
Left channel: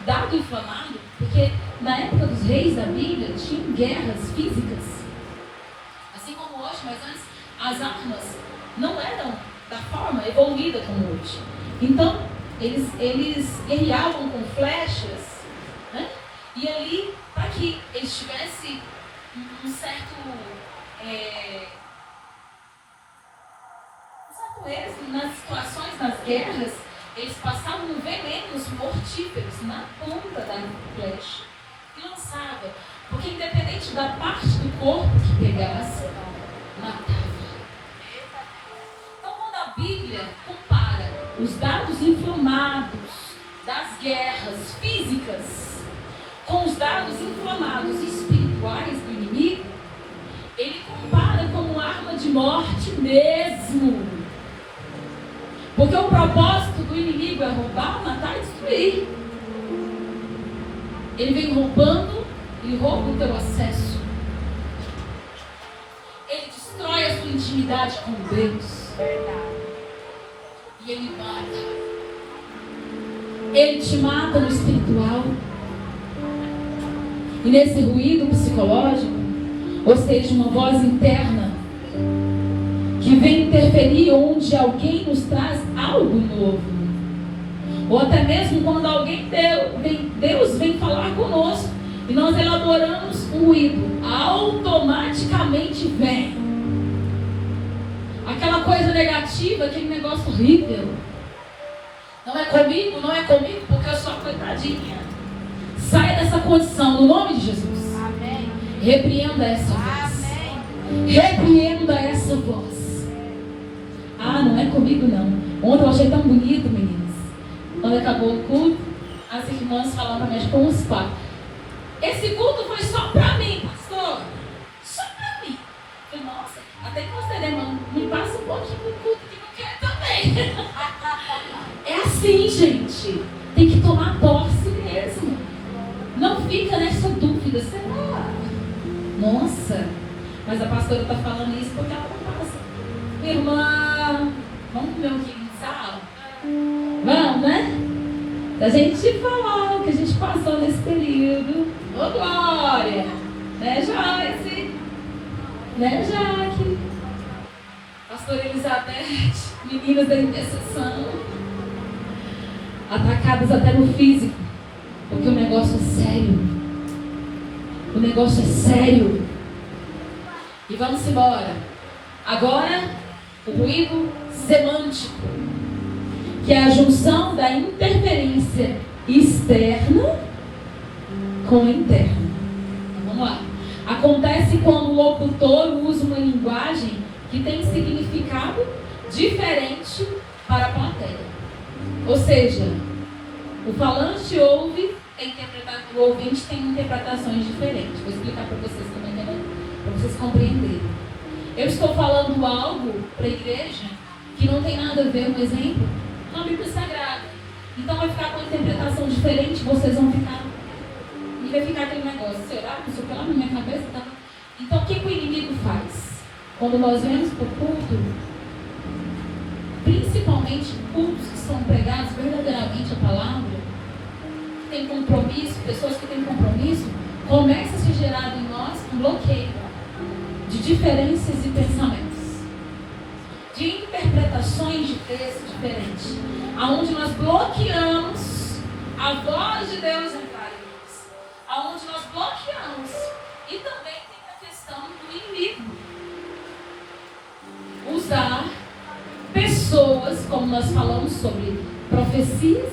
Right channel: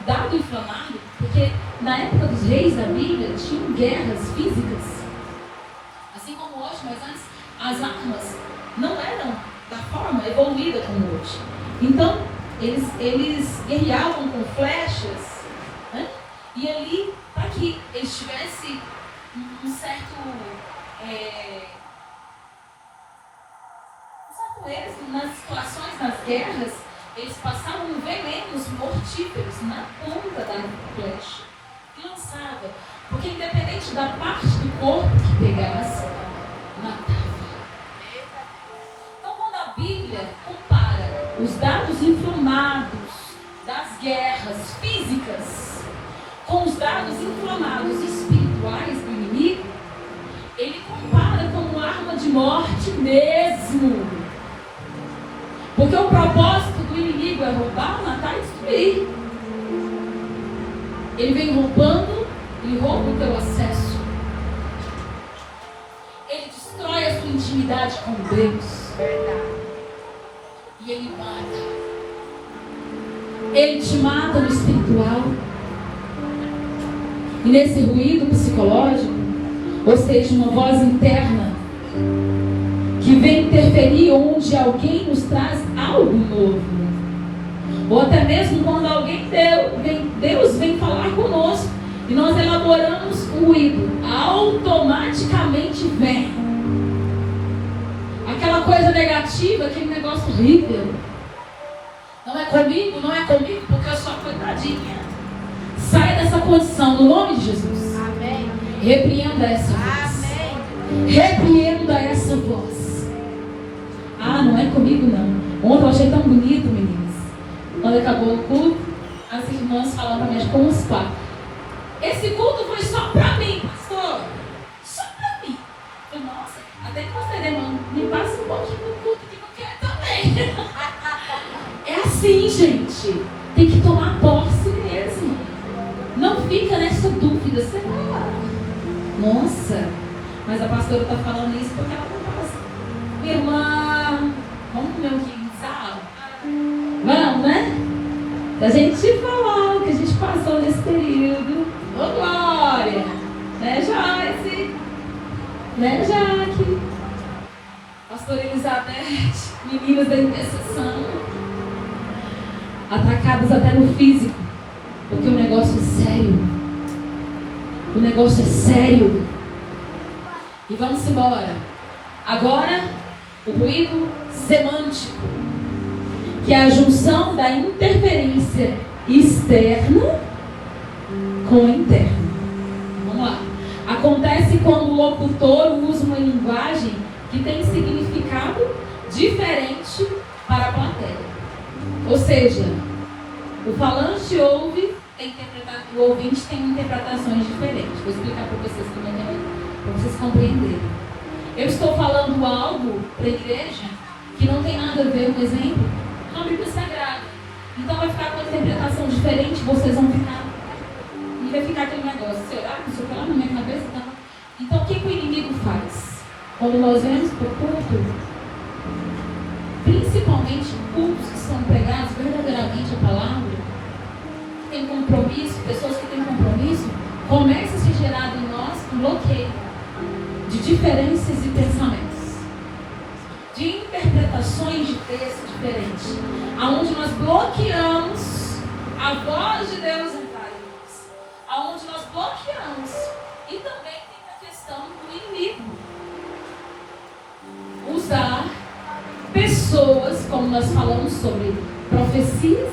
Dado inflamado, porque na época dos reis da Bíblia tinham guerras físicas. Assim como hoje, mas antes as armas não eram da forma evoluída como hoje. Então, eles guerreavam com flechas, né? E ali, para que eles tivessem um certo êxito nas situações das guerras, eles passavam venenos mortíferos na ponta da flecha e lançavam, porque independente da parte do corpo que pegasse, matava. Então, quando a Bíblia compara os dados inflamados das guerras físicas com os dados inflamados espirituais do inimigo, ele compara como uma arma de morte mesmo. Porque o propósito do inimigo é roubar, matar e destruir. Ele vem roubando, ele rouba o teu acesso. Ele destrói a sua intimidade com Deus. E ele mata. Ele te mata no espiritual. E nesse ruído psicológico, ou seja, uma voz interna, vem interferir onde alguém nos traz algo novo. Ou até mesmo quando Deus vem falar conosco e nós elaboramos um ruído, automaticamente vem aquela coisa negativa, aquele negócio horrível. Não é comigo, porque eu sou coitadinha. Sai dessa condição, no nome de Jesus. Amém. Repreenda essa voz. Repreenda essa voz. Ah, não é comigo não. Ontem eu achei tão bonito, meninas. Quando acabou o culto, as irmãs falando pra mim com os pais. Esse culto foi só pra mim, pastor. Só pra mim. Eu, nossa, até que você demanda, me passa um pouquinho do culto que não quer também. É assim, gente. Tem que tomar posse mesmo. Não fica nessa dúvida. Será? Nossa. Mas a pastora está falando isso porque ela não fala assim. Irmã, vamos comer um quilo de sal? Vamos, né? A gente falar que a gente passou nesse período. Ô, Glória! Né, Joyce? Né, Jaque? Pastora Elizabeth, meninas da intercessão. Atacadas até no físico. Porque o negócio é sério. O negócio é sério. E vamos embora. Agora, o ruído semântico, que é a junção da interferência externa com a interna. Vamos lá. Acontece quando o locutor usa uma linguagem que tem significado diferente para a plateia. Ou seja, o falante ouve, o ouvinte tem interpretações diferentes. Vou explicar para vocês também, para vocês compreenderem. Eu estou falando algo para a igreja que não tem nada a ver, por exemplo, com a Bíblia Sagrada. Então vai ficar com interpretação diferente, vocês vão ficar. E vai ficar aquele negócio, isso aqui lá na minha cabeça. Tá? Então o que o inimigo faz? Quando nós vemos para o culto, principalmente cultos que são pregados verdadeiramente a palavra, que tem compromisso, pessoas que têm compromisso, começa a se gerar em nós um bloqueio de diferenças de pensamentos, de interpretações de texto diferentes, aonde nós bloqueamos a voz de Deus entrar em nós, aonde nós bloqueamos, e também tem a questão do inimigo usar pessoas, como nós falamos sobre profecias,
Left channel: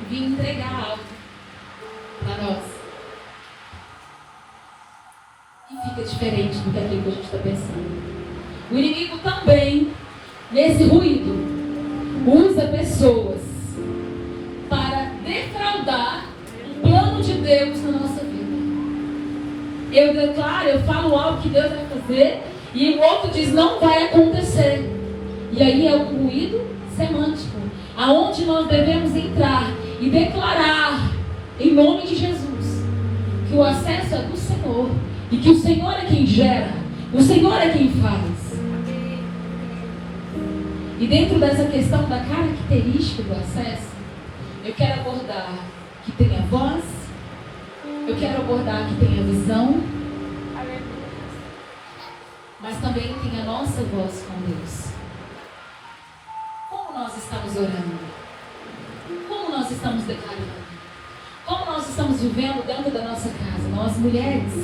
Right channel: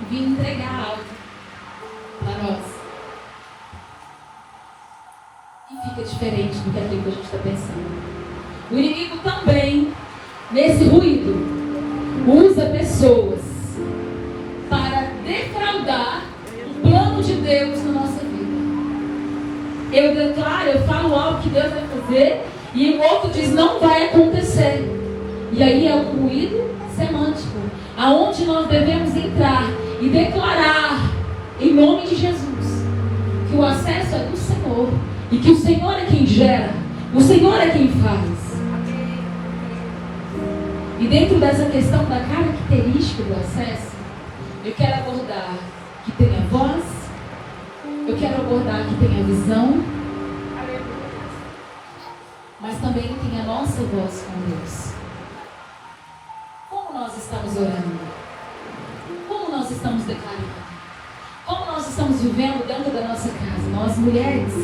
e vir entregar algo para nós. E fica diferente do que aquilo que a gente está pensando. O inimigo também, nesse ruído, usa pessoas para defraudar o plano de Deus na nossa vida. Eu declaro, eu falo algo que Deus vai fazer, e o outro diz, não vai acontecer. E aí é um ruído semântico, aonde nós devemos entrar e declarar, em nome de Jesus, que o acesso é do Senhor, e que o Senhor é quem gera, o Senhor é quem faz. E dentro dessa questão da característica do acesso, eu quero abordar que tenha voz, eu quero abordar que tenha visão, mas também tem a nossa voz com Deus. Como nós estamos orando? Como nós estamos declarando? Como nós estamos vivendo dentro da nossa casa? Nós mulheres.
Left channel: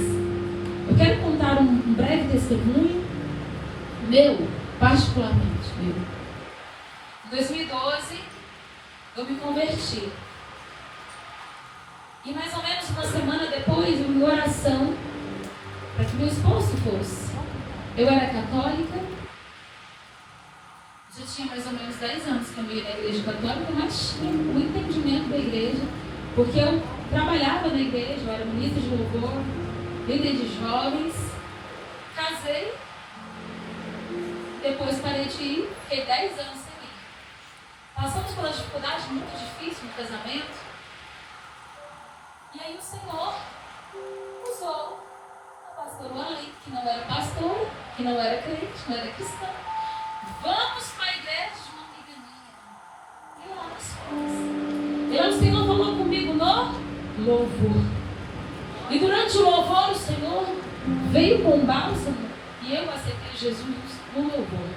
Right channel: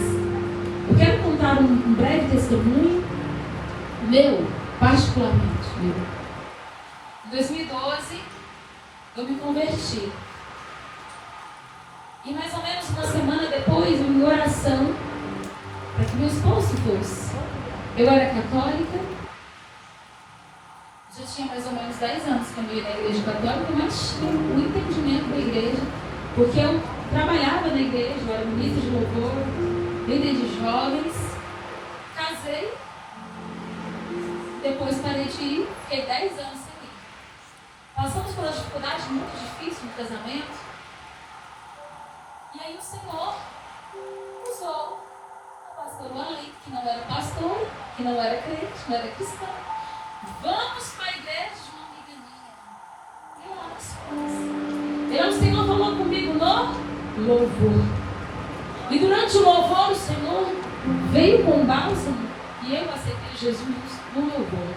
Eu quero contar um breve testemunho meu, particularmente meu. Em 2012, eu me converti. E mais ou menos uma semana depois, em oração, para que meu esposo fosse. Eu era católica, já tinha mais ou menos 10 anos que eu ia na igreja católica, mas tinha um entendimento da igreja, porque eu trabalhava na igreja, eu era ministra de louvor, líder de jovens, casei, depois parei de ir, fiquei 10 anos sem ir. Passamos por uma dificuldade muito difícil no casamento, e aí o Senhor usou a pastora ali, que não era pastora, que não era crente, não era cristã. Vamos para a igreja de uma amiga minha. E lá nós fomos. E aí o Senhor falou comigo no louvor. E durante o louvor o Senhor veio com bálsamo e eu aceitei de Jesus no louvor.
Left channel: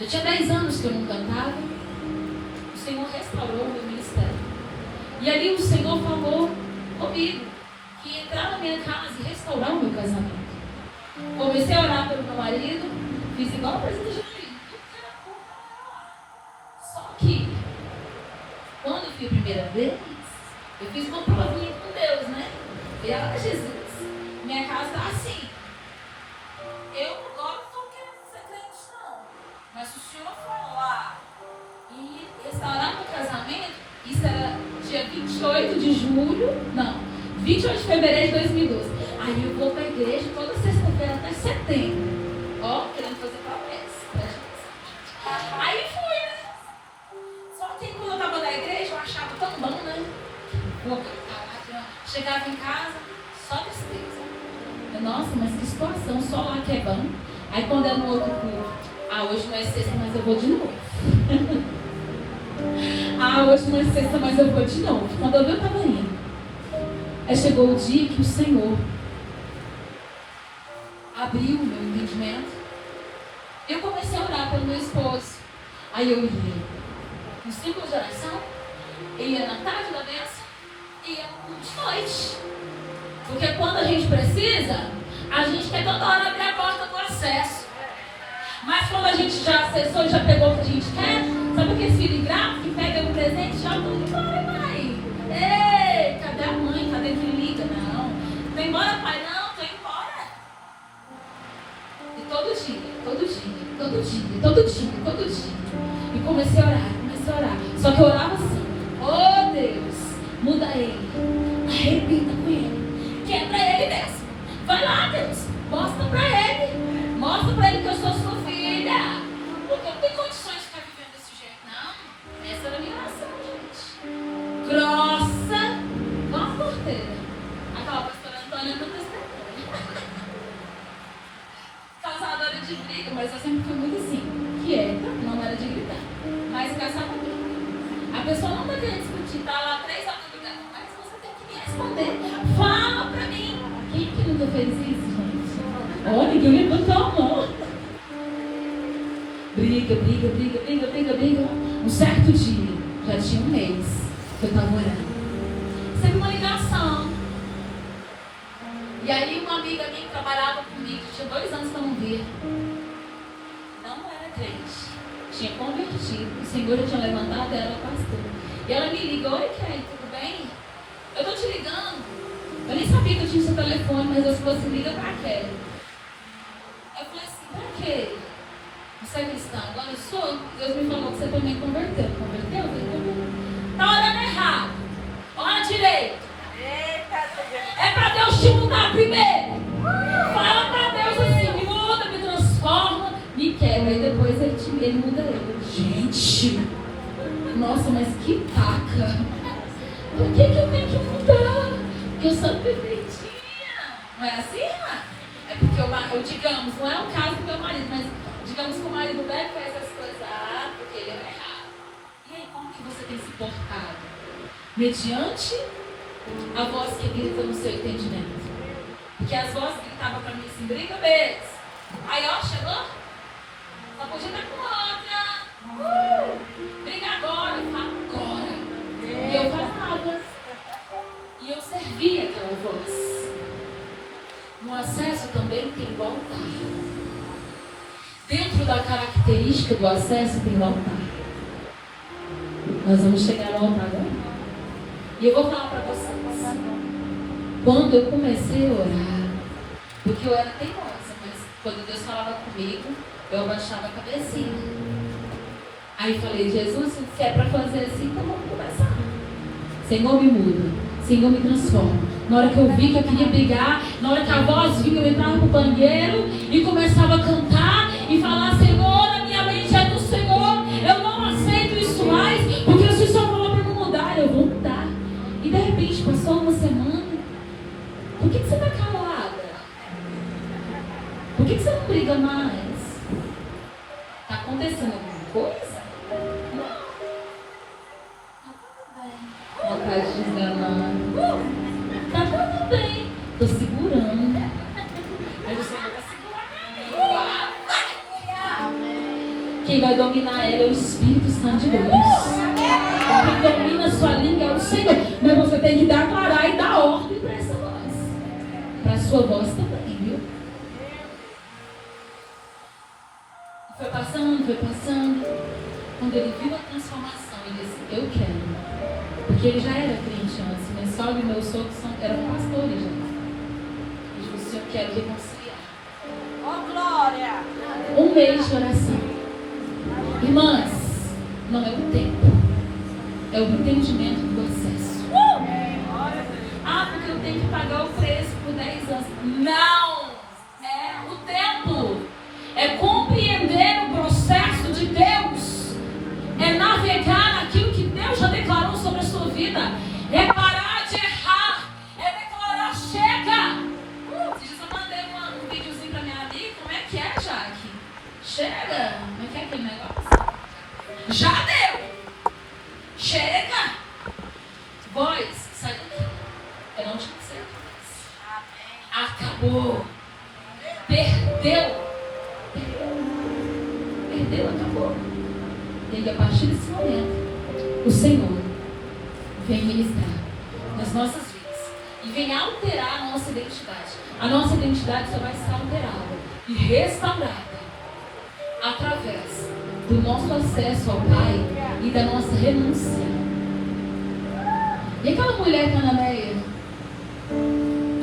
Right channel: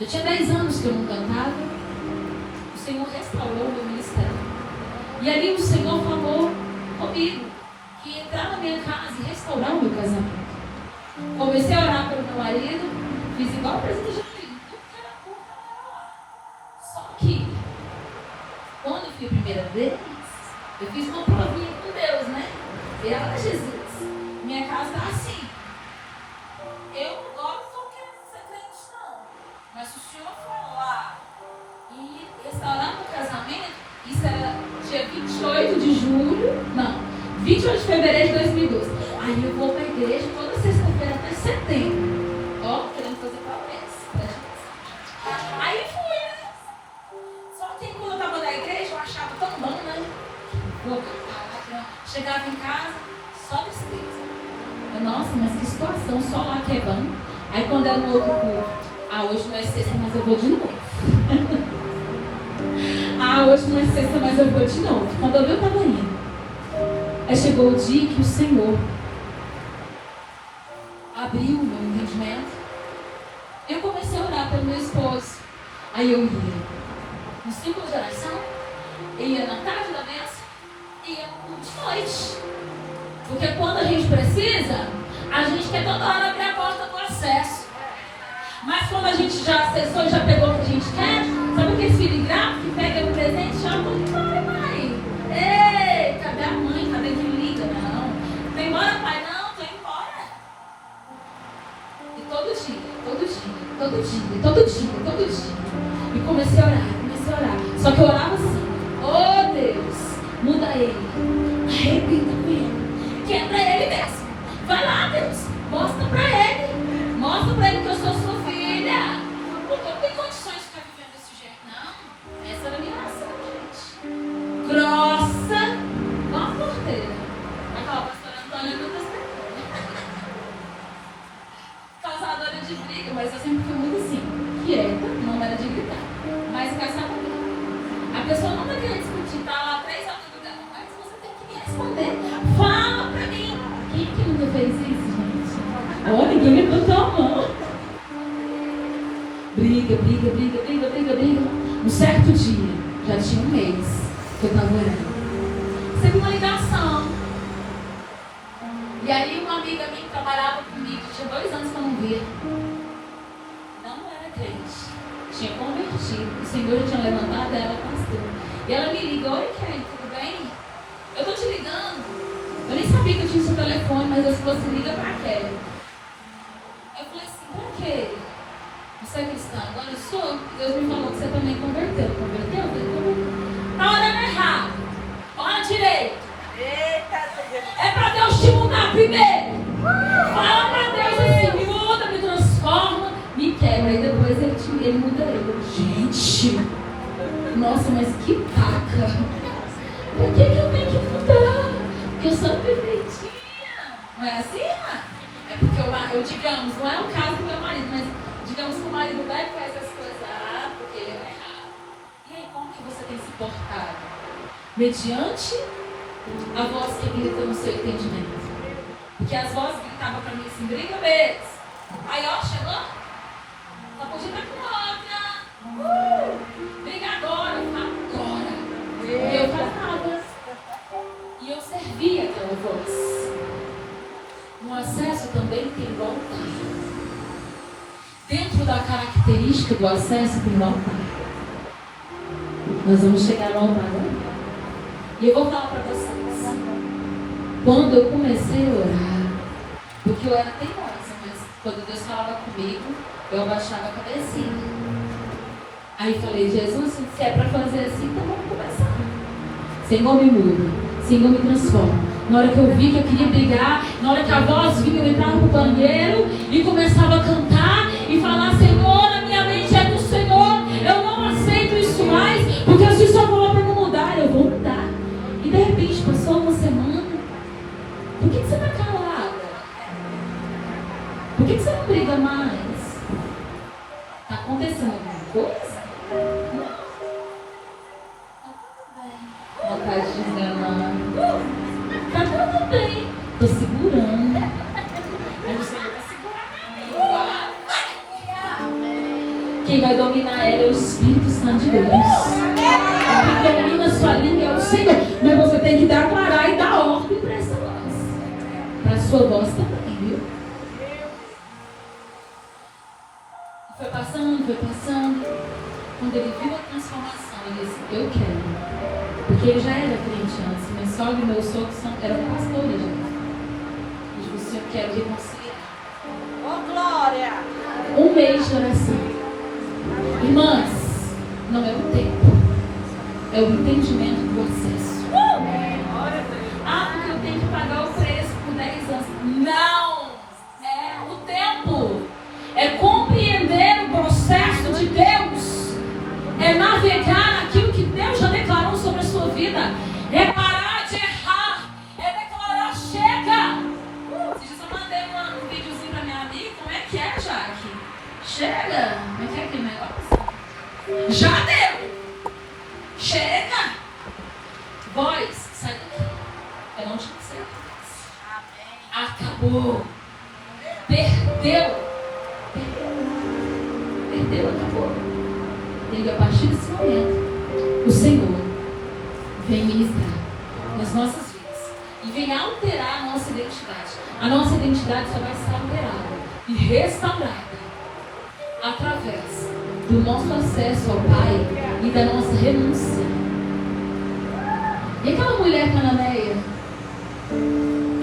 Já tinha 10 anos que eu não cantava. O Senhor restaurou o meu ministério. E ali o Senhor falou comigo que ia entrar na minha casa e restaurar o meu casamento. Comecei a orar pelo meu marido, fiz igual o presidente de filho. Só que, quando eu fui a primeira vez, eu fiz uma provinha com Deus, né? E ela, Jesus, minha casa está assim. Eu agora não estou querendo ser crente, não. Mas se o Senhor for lá e restaurar meu casamento, isso era dia 28 de julho, não, 28 de fevereiro de 2012. Aí eu vou para a igreja toda sexta-feira até setembro. Ó, querendo fazer promessa. Aí fui, né? Só que quando eu estava na igreja, eu achava tão bom, né? Chegava em casa, só tristeza. Nossa, mas que situação, só lá que é bom. Aí quando era no outro culto, hoje não é sexta, mas eu vou de novo. Hoje não é sexta, mas eu vou de novo. Quando eu estava indo, aí chegou o dia que o Senhor abriu o meu entendimento. Eu comecei a orar pelo meu esposo. Aí eu ia no círculo de oração, ia na tarde da bênção, ia no culto de noite. Porque quando a gente precisa, a gente quer toda hora abrir a porta do acesso. Mas quando a gente já acessou, já pegou o que a gente quer, sabe aquele filho ingrato que pega o presente e joga e vai, mãe. Ei, cadê a mãe? Cadê que liga? Não. Tô embora, pai? Não, tô embora. E todo dia. E comecei a orar. Só que eu orava assim: oh Deus, muda ele, arrebenta com ele, quebra ele mesmo. Vai lá, Deus, mostra pra ele que eu sou sua filha. Porque eu não tenho condições de ficar vivendo desse jeito, não. Essa era a minha oração, gente. Grossa, uma porteira. Aquela pastora Antônia não testemunha. Causadora de briga, mas eu sempre fui muito assim, quieta, não era de gritar. Mas casar comigo. A pessoa não vai querer discutir, tá lá 3 horas do lugar, mas você tem que me responder. Fala pra mim. Quem que nunca fez isso, gente? Olha, ninguém levantou a mão. Briga. Um certo dia, já tinha 1 mês que eu estava orando. Sempre uma ligação. E aí uma amiga minha que trabalhava comigo, tinha 2 anos que eu não via. Não era crente. Tinha convertido. O Senhor tinha levantado ela pastor. E ela me ligou: oi, Kelly, tudo bem? Eu tô te ligando. Eu nem sabia que eu tinha esse telefone, mas eu falei assim: liga pra Kelly. Eu falei assim: pra quê? Você é cristã? Agora eu sou. Deus me falou que você também converteu. Converteu? Tá orando errado. Ora direito. É pra Deus te mudar primeiro. Fala pra Deus assim: me muda, me transforma, me quebra. Aí depois ele muda eu. Gente, nossa, mas que taca. Por que eu tenho que mudar? Porque eu sou perfeitinha. Não é assim? É porque eu digamos, não é o caso do meu marido, mas digamos que o marido vai e faz as coisas porque ele é errado. E aí, como que você tem se portado? Mediante a voz que grita no seu entendimento. Porque as vozes gritavam para mim assim: briga mesmo. Aí, ó, chegou? Só podia estar com outra. Briga agora. Eu falo agora. E eu falava. E eu servia aquela voz. No acesso também tem volta. Dentro da característica do acesso tem volta. Nós vamos chegar ao altar agora. E eu vou falar para vocês. Quando eu comecei a orar, porque eu era teimosa, mas quando Deus falava comigo, eu abaixava a cabecinha. Aí eu falei: Jesus, se é para fazer assim, então vamos começar. Senhor, me muda. Senhor, me transforma. Na hora que eu vi que eu queria brigar, na hora que a voz vinha, eu entrava no banheiro e começava a cantar e falar: Senhor, a minha mente é do Senhor. Eu não aceito isso mais, porque a sua falou para eu mudar. Eu vou mudar. E de repente passou uma semana. Por que você está calada? Por que você não briga mais? Está acontecendo alguma coisa? Não. Vontade de enganar. Tá tudo bem. Tô segurando. Aí o Senhor vai segurar. Quem vai dominar ela é o Espírito Santo de Deus. Quem domina a sua língua é o Senhor. Mas você tem que declarar e dar ordem para essa voz. Para a sua voz também, viu? Foi passando. Quando ele viu a transformação, ele disse, eu quero. Porque ele já era crente antes. Minha sogra e meu sogro eram pastores já. Ele disse, eu quero reconciliar. Oh, glória! 1 mês de oração. Irmãs, não é o tempo. É o entendimento do acesso. Ah, porque eu tenho que pagar o preço por 10 anos. Não! É o tempo. É compreender o processo de Deus. É navegar naquilo que Deus já declarou sobre a sua vida. É parar de errar. É declarar, chega. Eu mandei um videozinho pra minha amiga. Como é que é, Jaque? Chega. Não quer aquele negócio? Já deu. Chega. Voz, sai daqui. Eu não tinha que ser. Acabou. Perdeu, acabou. E a partir desse momento, o Senhor vem ministrar nas nossas vidas e vem alterar a nossa identidade. A nossa identidade só vai estar alterada e restaurada através do nosso acesso ao Pai e da nossa renúncia. E aquela mulher cananeia,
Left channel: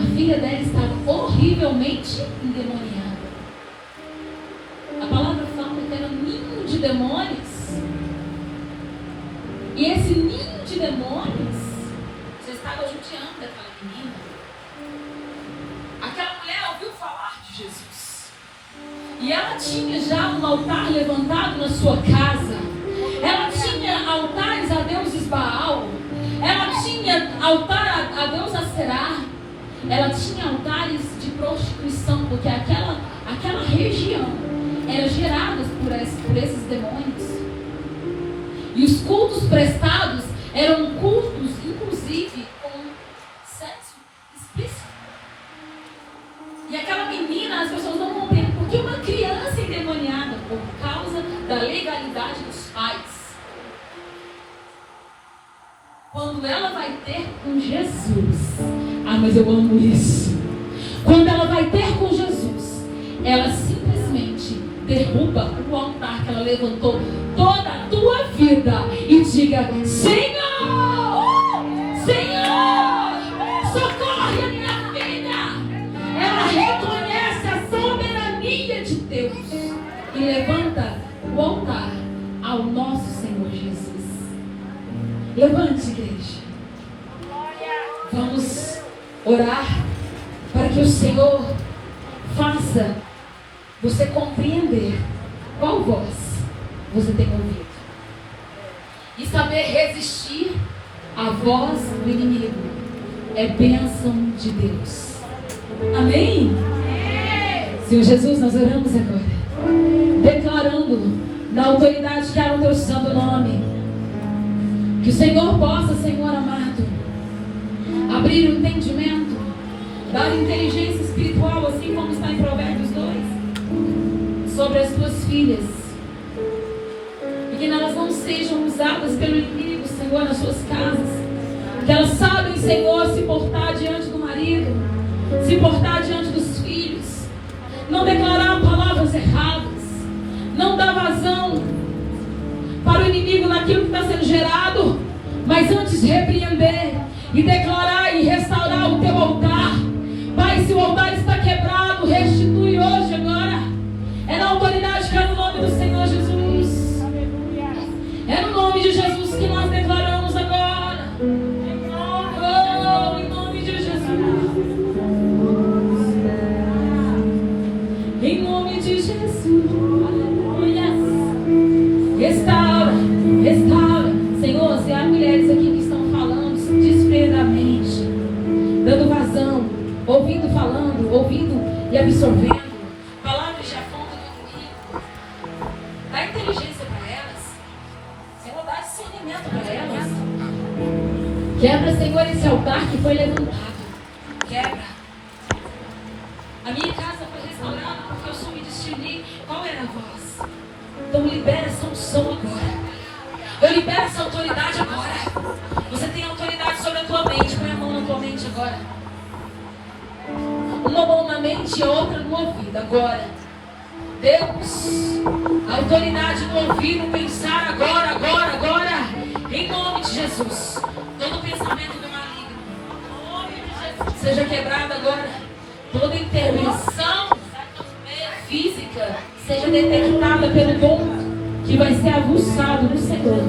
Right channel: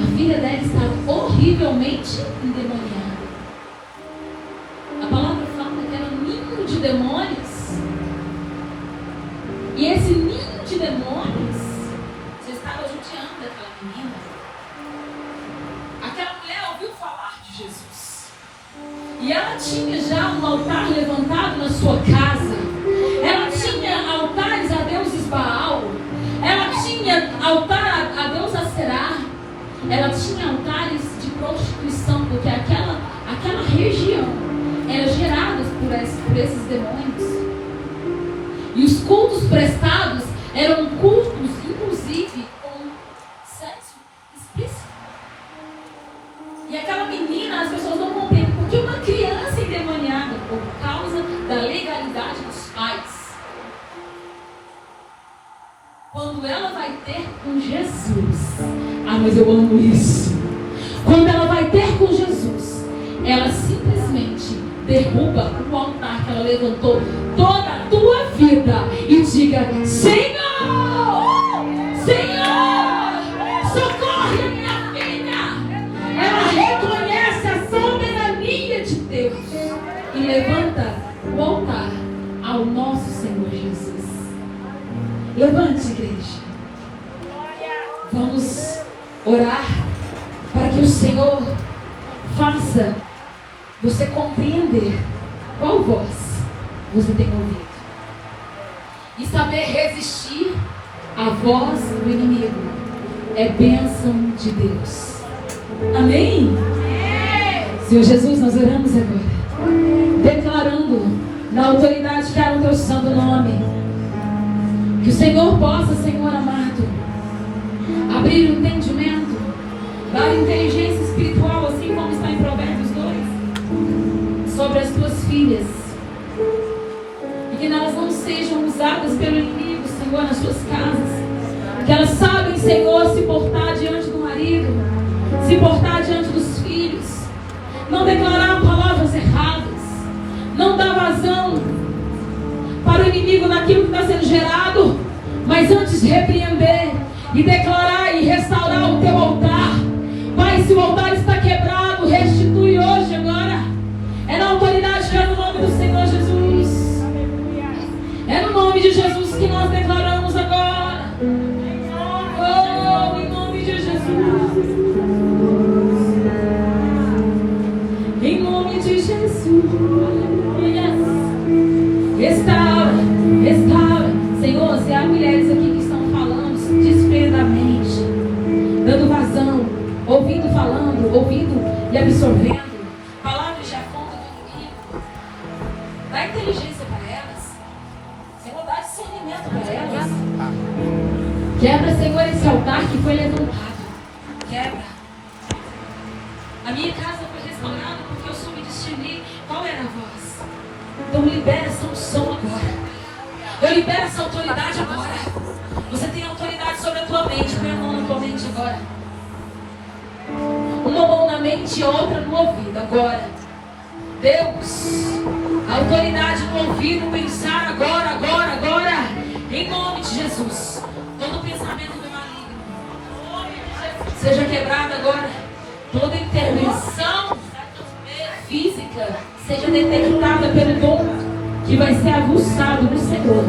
a filha dela estava horrivelmente endemoniada. A palavra fala que era um ninho de demônios. E esse ninho de demônios já estava judiando daquela menina. Aquela mulher ouviu falar de Jesus. E ela tinha já um altar levantado na sua casa. Ela tinha altares a deuses Baal. Ela tinha altar a Deus Aserá. Ela tinha altares de prostituição, porque aquela região era gerada por esses demônios. E os cultos prestados eram cultos, inclusive, com sexo explícito. E aquela menina, as pessoas não compreendem, porque uma criança endemoniada por causa da legalidade dos pais. Quando ela vai ter com Jesus, mas eu amo isso. Quando ela vai ter com Jesus, ela simplesmente derruba o altar que ela levantou toda a tua vida e diga: Senhor, Senhor, socorre a minha filha. Ela reconhece a soberania de Deus e levanta o altar ao nosso Senhor Jesus. Levante, igreja. Vamos orar para que o Senhor faça você compreender qual voz você tem ouvido e saber resistir à voz do inimigo. É bênção de Deus. Amém? Senhor Jesus, nós oramos agora, declarando na autoridade que há no teu santo nome, que o Senhor possa, Senhor amado, abrir o entendimento, dar inteligência espiritual, assim como está em Provérbios 2, sobre as tuas filhas, e que elas não sejam usadas pelo inimigo, Senhor, nas suas casas, que elas sabem, Senhor, se portar diante do marido, se portar diante dos filhos, não declarar palavras erradas, não dar vazão para o inimigo naquilo que está sendo gerado, mas antes de repreender e declarar e restaurar o teu altar. Pai, se o altar está quebrado, restitui hoje, agora. É na autoridade que é no nome do Senhor Jesus. É no nome de Jesus que nós declaramos agora. Oh, em nome de Jesus. Em nome de Jesus. Restaura, restaura. Senhor, se há mulheres aqui que estão falando desesperadamente, dando vazão, ouvindo, falando, ouvindo e absorvendo palavras de afronta do inimigo, dá inteligência para elas, Senhor, dá discernimento para elas. Quebra, Senhor, esse altar que foi levantado. Quebra. A minha casa foi restaurada porque eu soube discernir qual era a voz. Então libera essa unção agora. Eu libero essa autoridade agora. Você tem autoridade sobre a tua mente. Põe a mão na tua mente agora. Uma mão na mente e outra no ouvido agora. Deus, a autoridade no ouvido, pensar agora, agora, agora. Em nome de Jesus. Todo pensamento do maligno seja quebrado agora. Toda intervenção física seja detectada pelo dom que vai ser aguçado no Senhor.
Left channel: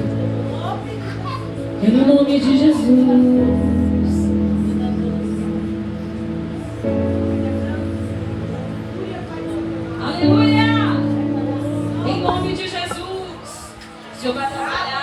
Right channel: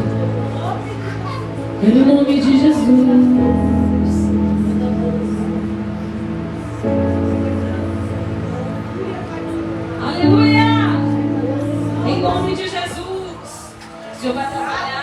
No nome de Jesus. Aleluia! Em nome de Jesus. O Senhor vai trabalhar.